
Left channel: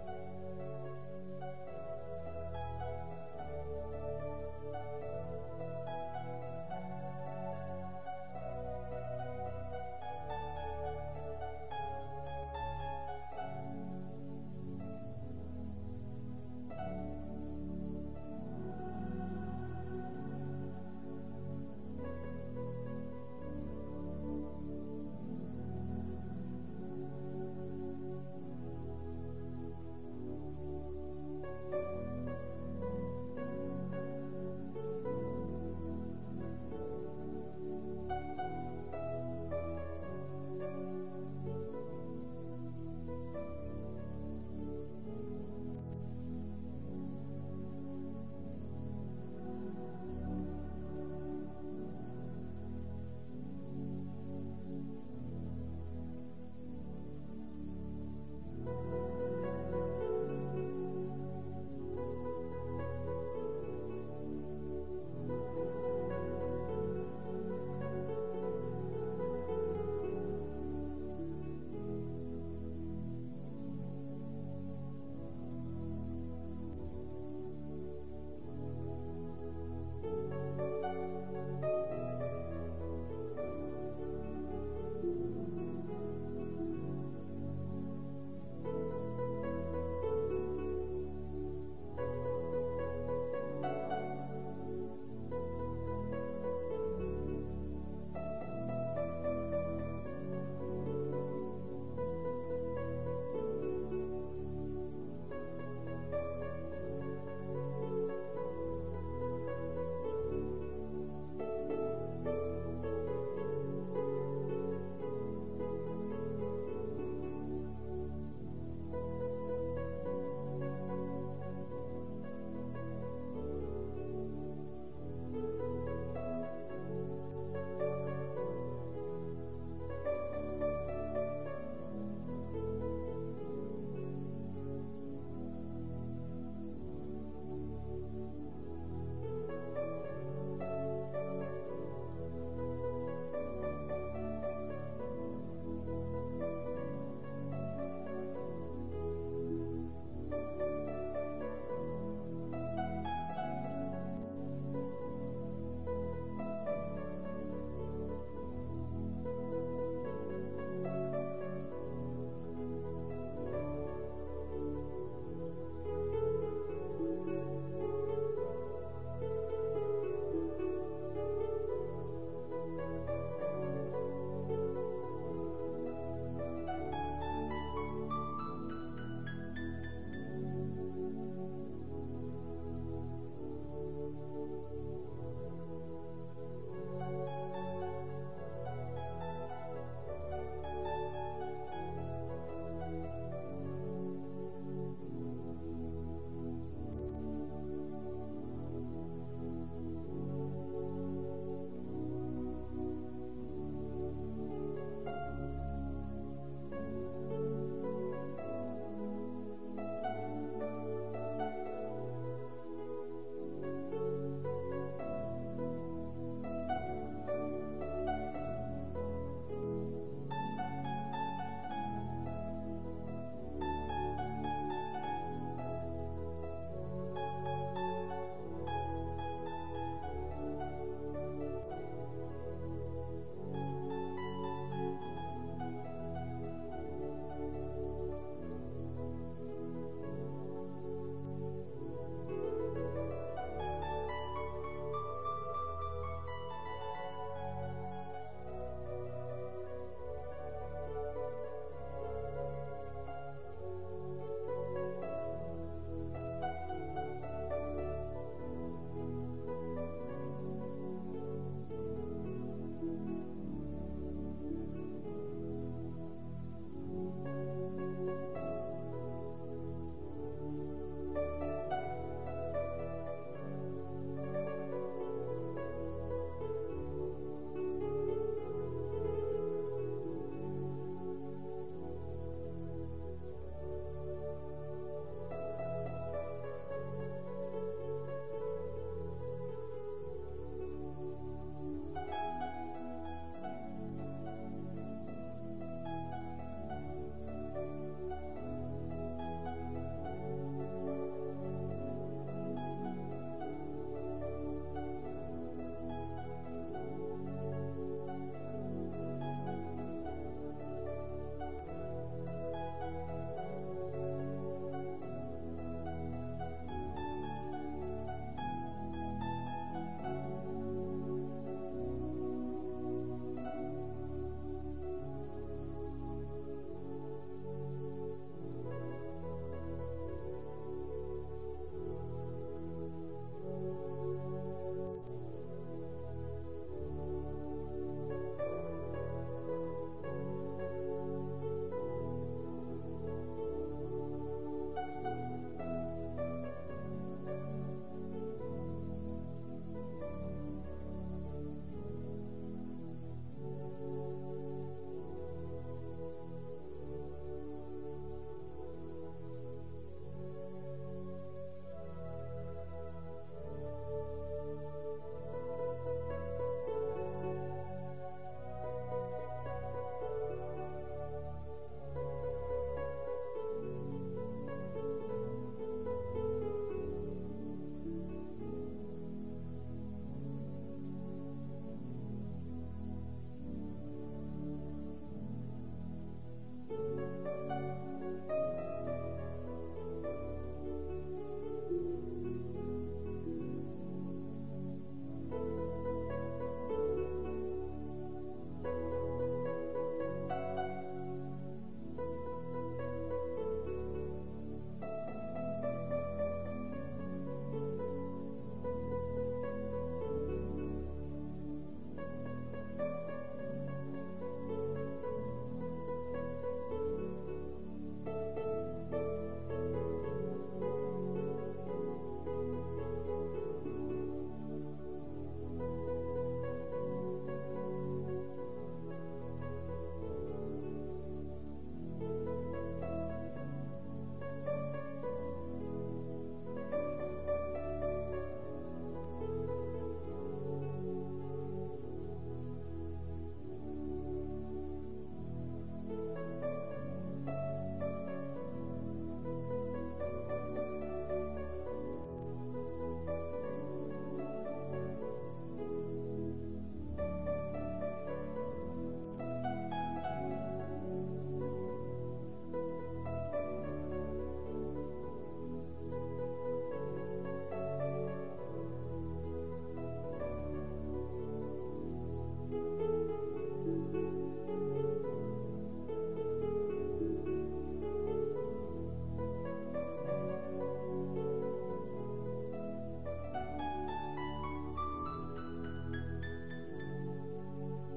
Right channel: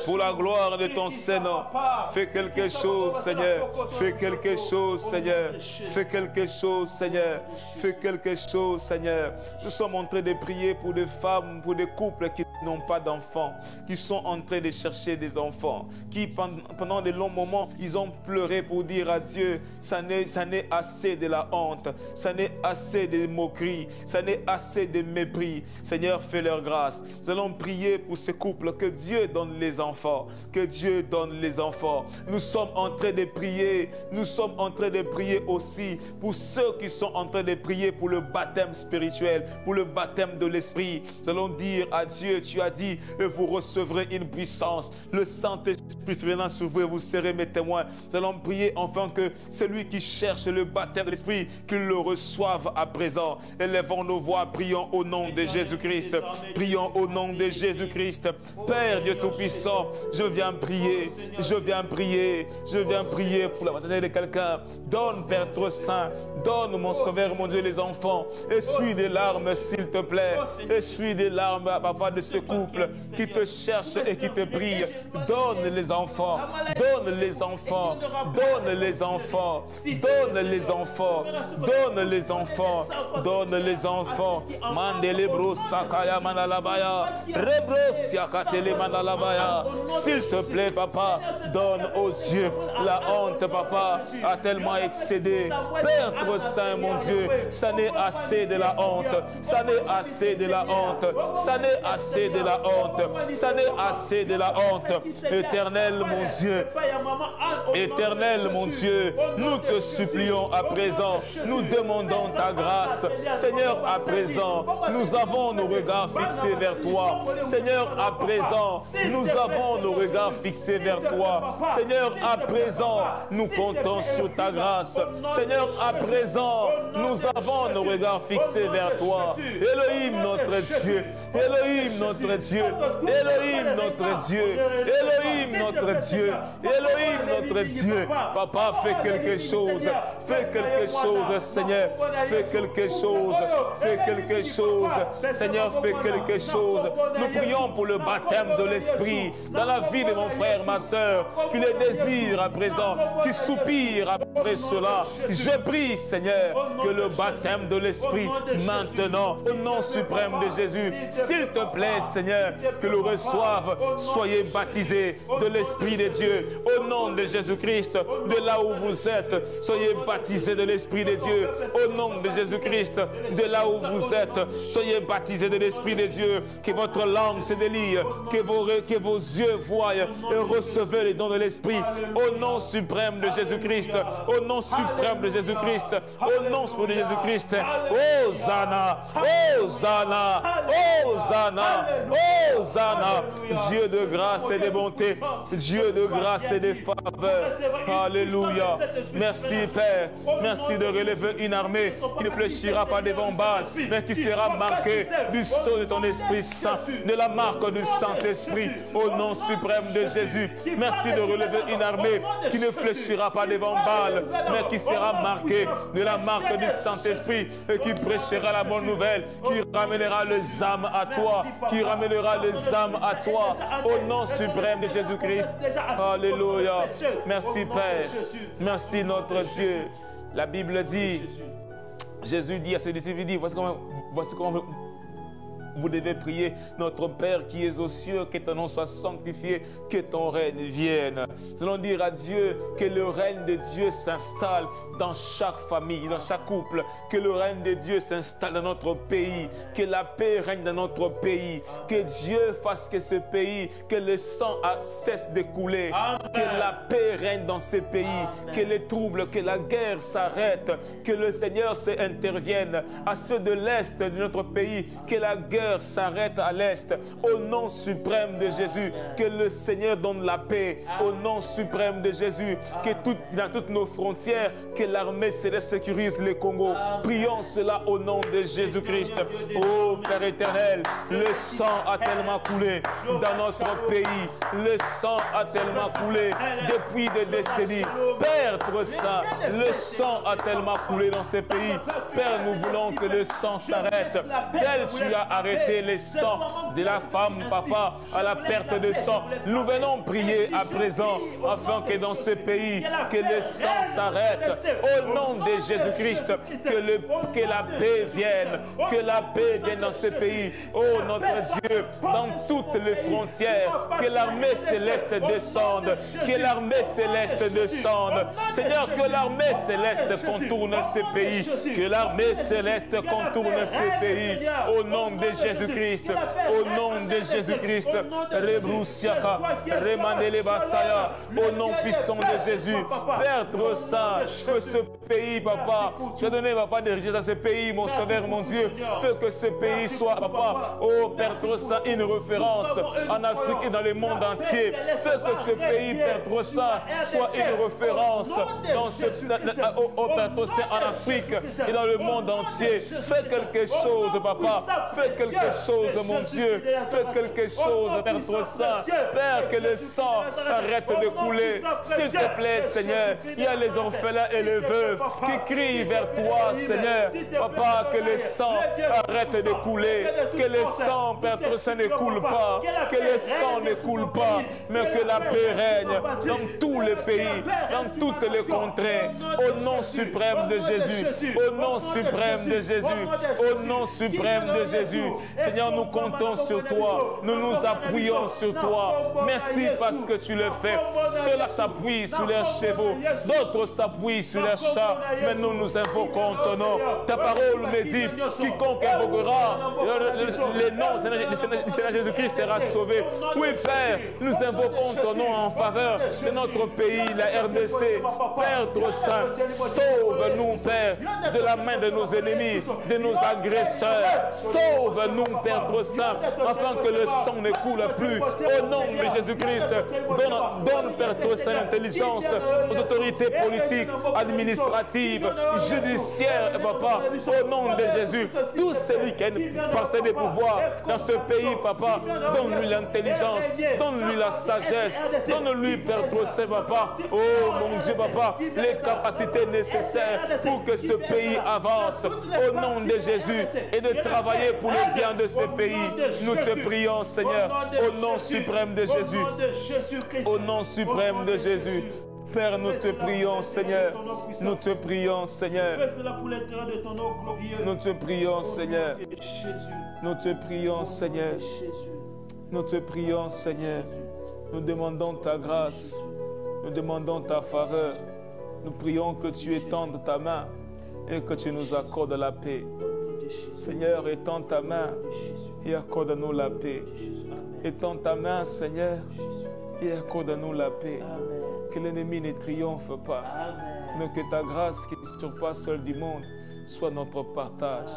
Pour la gloire de ton Seigneur, fais quelque chose, Seigneur. Fais quelque chose, Seigneur. Fais quelque chose, Seigneur. Fais quelque chose, Seigneur. Nous sommes en train de prier pour des femmes, pour des couples qui n'ont pas d'enfants, qui sont en train de chercher des enfants, qui pendant de longs moments, ils ont pleuré pour dire à Dieu, ça n'est assez de la honte, ça n'est assez de moquerie, ça n'est assez de mépris. Seigneur, fais leur grâce. Nous allons prier pour ces couples. Que Dieu donne les enfants. Que Dieu donne les enfants. Nous sommes en train de prier. Nous sommes en train de prier aussi pour ceux qui sont en train de prier pour le baptême spirituel, pour le baptême de l'Esprit. Nous allons dire à Dieu, tu as dit, et vous recevrez une puissance. Le Saint-Esprit venant sur vous et vous serez mes témoins. Nous allons prier enfin que celui qui cherche le baptême de l'Esprit, qu'il le reçoive à présent. Élevons nos voix, prions au nom de Jésus-Christ. Prions au nom de Jésus-Christ. Père Dieu Tout-Puissant, je viens prier pour la maternité de quelqu'un. Donne, Père trop saint, donne, mon Sauveur, mon Dieu, les enfants. Essuie des larmes, s'il te plaît. Essuie des larmes, papa, de ce couple qui te cherche et qui te prie. Donne les enfants, donne les enfants, donne les enfants, donne les enfants, donne les enfants, donne les enfants. Mandelebro sakaya manalabaya, rebro siakatele manalabaya. S'il te plaît, papa, donne aux Dieu. La honte, papa, a tellement excédé. Père trop saint, mon Dieu, ça n'est assez de la honte. Ça n'est assez de la honte. Ça n'est assez de la honte. Ça n'est assez de la honte. Éternel, mon Dieu. Éternel, mon Dieu, nous te supplions à présent, nous demandons ta grâce. Seigneur, à présent, nous avons nos regards fixés vers toi. Seigneur, à présent, nous avons nos regards fixés vers toi. Seigneur, à présent, nous comptons sur ta grâce. Seigneur, à présent, nous avons nos regards fixés vers toi. Elohim, notre Dieu. Elohim, notre Dieu. Elohim, notre Dieu. Elohim, notre Dieu. Elohim, notre Dieu. Papa, fais quelque chose. Fais quelque chose, Seigneur. Fais quelque chose. Fais quelque chose. Seigneur, fais quelque chose. Nous prions pour le baptême de l'Esprit dans la vie de mon frère, ma soeur, qui le désire à présent, qui soupire après cela. Je prie, Seigneur, que le baptême de l'Esprit maintenant, au nom suprême de Jésus, s'il te plaît, Seigneur, que le reçoive. Soyez baptisés de l'Esprit de Dieu, au nom de Jésus-Christ, de là où vous êtes. Soyez baptisés de l'Esprit de Dieu, au nom de Jésus-Christ, de là où vous êtes. Soyez baptisés de l'Esprit de Dieu, que votre langue se délie, que vos yeux voient et recevez les dons de l'Esprit, au nom suprême de Jésus-Christ, au nom suprême de Jésus-Christ, au nom suprême de Jésus-Christ. Hosanna, Hosanna, Hosanna, Hosanna. Dieu de grâce et de bonté, Dieu de grâce et de faveur. Alléluia. Merci Père, merci de relever une armée qui ne fléchira pas devant Baal, mais qui sera marquée du sceau de ton Esprit Saint, de la marque du Saint-Esprit, au nom suprême de Jésus. Merci de relever une armée qui ne fléchira pas devant Baal, mais qui sera marquée de la marque du Saint-Esprit et qui prêchera la bonne nouvelle, qui ramènera les âmes à toi, qui ramènera les âmes à toi, au nom suprême de Jésus-Christ. Alléluia. Merci Père. Merci notre Dieu. La Bible dit, Jésus dit à ses disciples, il dit, voici comment vous devez prier: notre Père qui es aux cieux, que ton nom soit sanctifié, que ton règne vienne. Nous allons dire à Dieu que le règne de Dieu s'installe dans chaque famille, dans chaque couple, que le règne de Dieu s'installe dans notre pays, que la paix règne dans notre pays, que Dieu fasse que ce pays, que le sang cesse de couler, que la paix règne dans ce pays, que les troubles, que la guerre s'arrête, que le Seigneur intervienne à ceux de l'Est de notre pays, que la guerre s'arrête à l'Est, au nom suprême de Jésus, que le Seigneur donne la paix, au nom suprême de Jésus, que dans toutes nos frontières, que l'armée céleste sécurise le Congo. Prions cela au nom de Jésus-Christ. Oh Père éternel, le sang a tellement coulé dans notre pays, le sang a tellement coulé depuis des décennies. Père trop saint, le sang a tellement coulé dans ces pays. Père, nous voulons que le sang s'arrête. Tel tu as arrêté le sang de la femme, papa, à la perte de sang. Nous venons prier à présent afin que dans ce pays, que le sang s'arrête. Au nom de Jésus-Christ, que la paix vienne, que la paix vienne dans ce pays. Oh notre Dieu, dans toutes les frontières, que l'armée céleste descende, que l'armée céleste descende. Seigneur, que l'armée céleste contourne ce pays, que l'armée céleste contourne ce pays. Au nom de Jésus-Christ, au nom de Jésus-Christ, Rebroussiaka, Remanele Basaya, au nom puissant de Jésus, Père trop saint, que ce pays, papa, je donne, papa, de richesse à ce pays, mon sauveur, mon Dieu, fais que ce pays soit, papa, oh Père trop saint, une référence en Afrique et dans le monde entier. Fais que ce pays, Père trop saint, soit une référence dans ce, oh Père trop saint, en Afrique et dans le monde entier. Fais quelque chose, papa, fais quelque chose, mon Dieu, fais quelque chose, Père trop saint. Père, que le sang arrête de couler, s'il te plaît, Seigneur. Il y a les orphelins et les veuves qui crient vers toi, Seigneur. Papa, que le sang arrête de couler, que le sang, Père trop saint, ne coule pas, que le sang ne coule pas, mais que la paix règne dans tous les pays, dans toutes les contrées, au nom suprême de Jésus, au nom suprême de Jésus, au nom suprême de Jésus. Seigneur, nous comptons sur toi. Nous nous appuyons sur toi. Merci parce que tu le fais. Ceux-là s'appuient sur leurs chevaux. D'autres s'appuient sur leurs chats. Mais nous nous invoquons ton nom. Ta parole me dit, quiconque invoquera les noms du Seigneur Jésus-Christ sera sauvé. Oui, Père, nous invoquons ton nom en faveur de notre pays, la RDC. Père trop saint, sauve-nous, Père, de la main de nos ennemis, de nos agresseurs. Sauve-nous, Père trop saint, afin que le sang ne coule plus. Au nom de Jésus-Christ, donne, Père trop saint, l'intelligence aux autorités politiques, administratives, judiciaires, Papa, au nom de Jésus. Tous celui qui a une parcelle de pouvoir dans ce pays, Papa, donne-lui l'intelligence, donne-lui la sagesse, donne-lui, Père trop saint, Papa, oh mon Dieu, Papa, les capacités nécessaires pour que ce pays avance au nom de Jésus et de travailler pour le bien de ce pays. Nous te prions, Seigneur, au nom suprême de Jésus. Au nom suprême de Jésus. Père, nous te prions, Seigneur. Nous te prions, Seigneur. Nous te prions, Seigneur. Nous te prions, Seigneur. Nous te prions, Seigneur. Nous demandons ta grâce. Nous demandons ta faveur. Nous prions que tu étendes ta main et que tu nous accordes la paix. Seigneur, étends ta main et accorde-nous la paix. Étends ta main, Seigneur, et accorde-nous la paix. Que l'ennemi ne triomphe pas, mais que ta grâce qui surpasse celle du monde soit notre partage.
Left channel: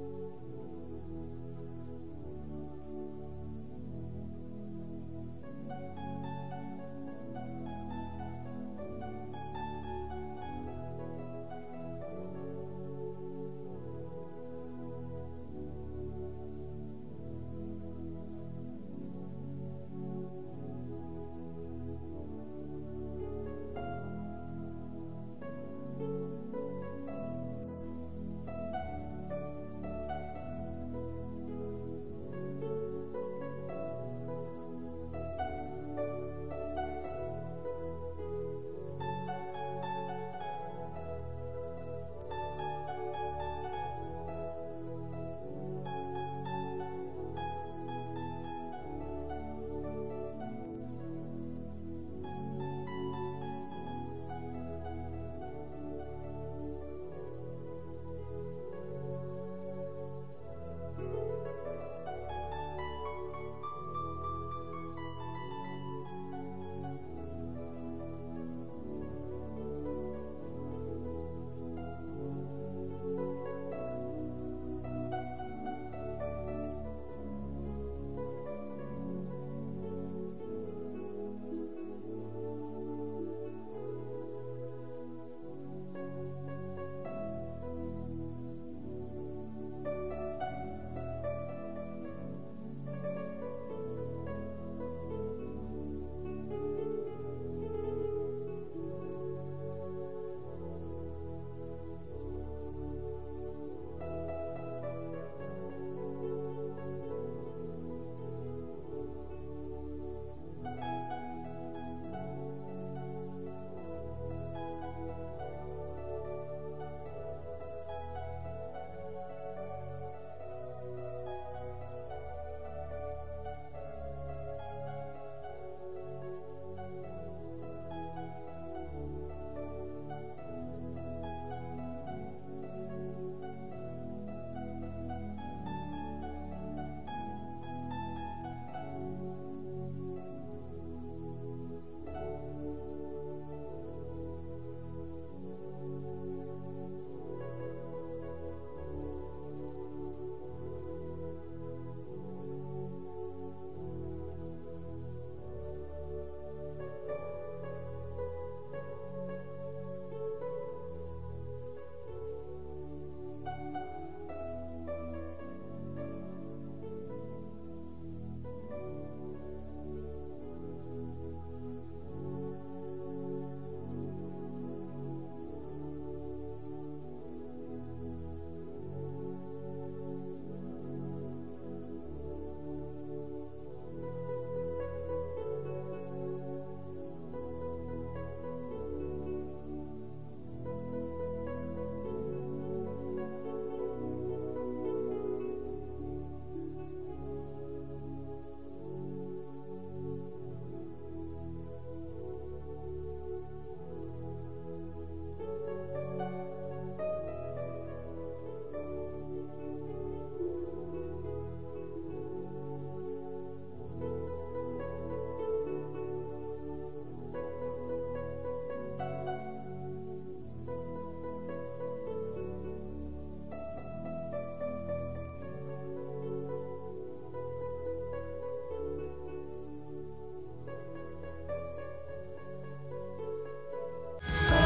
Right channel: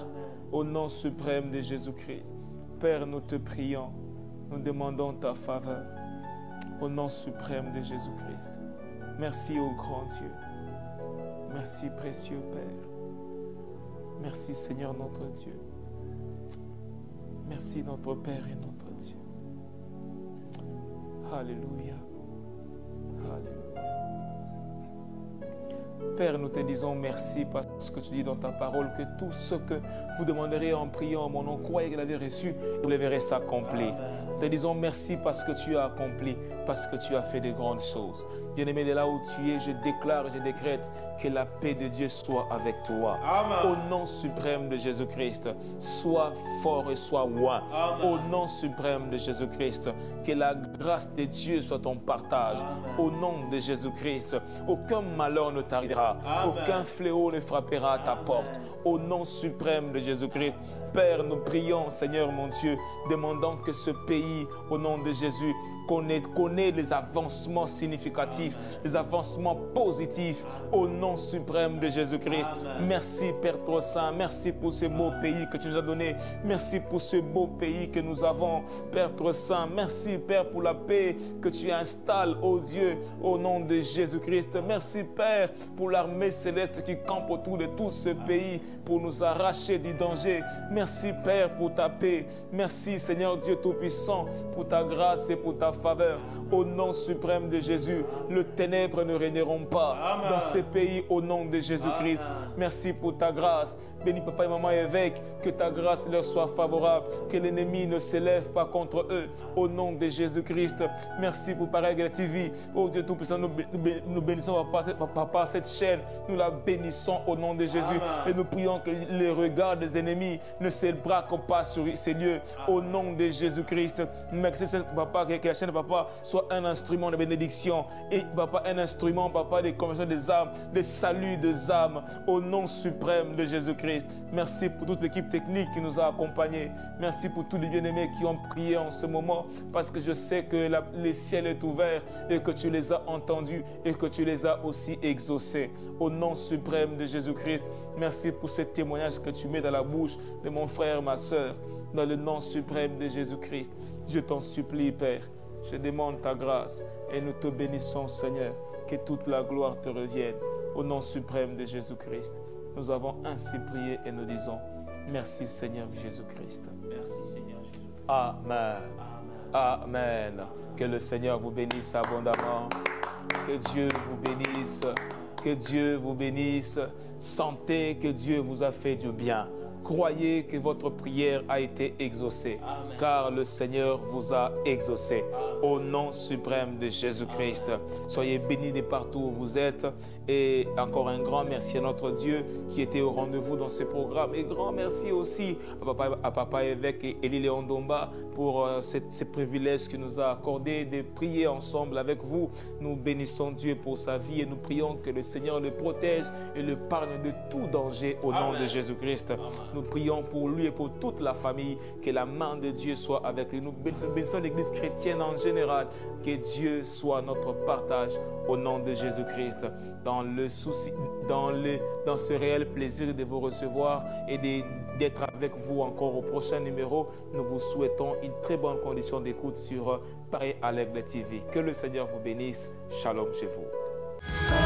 Au nom suprême de Jésus-Christ. Père, nous te prions. Nous demandons ta faveur. Au nom suprême de Jésus-Christ. Merci au grand Dieu. Merci précieux Père. Merci Seigneur notre Dieu. Merci notre Père et notre Dieu. Alléluia. Alléluia. Père, nous te disons merci parce que tu dis dans ta parole que tout ce que vous demanderez en priant en mon nom, croyez que vous l'avez reçu, vous le verrez s'accomplir. Nous te disons merci parce que tu as accompli, parce que tu as fait de grandes choses. Bien-aimé, de là où tu es, je déclare et je décrète que la paix de Dieu soit avec toi. Amen. Au nom suprême de Jésus-Christ, sois fort et sois loin. Au nom suprême de Jésus-Christ, que la grâce de Dieu soit ton partage. Amen. Au nom de Jésus-Christ, aucun malheur ne t'arrivera, aucun fléau ne frappera à ta porte. Au nom suprême de Jésus-Christ, Père, nous prions, Seigneur mon Dieu, demandant que ce pays, au nom de Jésus, connaît les avancements significatifs, les avancements positifs, au nom suprême de Jésus-Christ. Merci, Père trop saint, merci pour ce beau pays que tu nous as donné, merci pour ce beau pays que nous avons, Père trop saint, merci, Père, pour la paix que tu installes, ô Dieu, au nom de Jésus-Christ. Merci, Père, pour l'armée céleste qui campe autour de tout ce pays pour nous arracher du danger. Merci, Père, pour ta paix. Merci, Seigneur Dieu Tout-Puissant, pour ta grâce et pour ta faveur. Au nom suprême de Jésus, les ténèbres ne régneront pas dans ces pays au nom de Jésus-Christ. Merci pour ta grâce. Bénis papa et maman évêque, que ta grâce leur soit favorable, que l'ennemi ne s'élève pas contre eux, au nom de Jésus-Christ. Merci pour Pareil TV. Oh Dieu Tout-Puissant, nous bénissons par cette chaîne, nous la bénissons au nom de Jésus. Amen. Et nous prions que les regards des ennemis ne se braquent pas sur ces lieux, au nom de Jésus-Christ. Mais que la chaîne, papa, soit un instrument de bénédiction et, papa, un instrument, papa, de conversion des âmes, de salut des âmes, au nom suprême de Jésus-Christ. Merci pour toute l'équipe technique qui nous a accompagnés. Merci pour tous les bien-aimés qui ont prié en ce moment, parce que je sais que le ciel est ouvert et que tu les as entendus et que tu les as aussi exaucés. Au nom suprême de Jésus-Christ, merci pour ce témoignage que tu mets dans la bouche de mon frère, ma soeur, dans le nom suprême de Jésus-Christ. Je t'en supplie, Père, je demande ta grâce et nous te bénissons, Seigneur, que toute la gloire te revienne. Au nom suprême de Jésus-Christ, nous avons ainsi prié et nous disons merci, Seigneur Jésus-Christ. Merci, Seigneur Jésus. Amen. Amen. Que le Seigneur vous bénisse abondamment. Que Dieu vous bénisse. Que Dieu vous bénisse. Sentez que Dieu vous a fait du bien. croyez que votre prière a été exaucée, Amen. car le Seigneur vous a exaucé. Au nom suprême de Jésus-Christ, soyez bénis de partout où vous êtes. Et encore un grand merci à notre Dieu qui était au rendez-vous dans ce programme. Et grand merci aussi à Papa évêque Élie Léon Domba pour ce privilège qu'il nous a accordé de prier ensemble avec vous. Nous bénissons Dieu pour sa vie et nous prions que le Seigneur le protège et le parle de tout danger au nom de Jésus-Christ. Nous prions pour lui et pour toute la famille, que la main de Dieu soit avec lui. Nous bénissons l'Église chrétienne en général, que Dieu soit notre partage au nom de Jésus-Christ. Dans ce réel plaisir de vous recevoir et d'être avec vous encore au prochain numéro, nous vous souhaitons une très bonne condition d'écoute sur Paris à l'Aigle TV. Que le Seigneur vous bénisse. Shalom chez vous.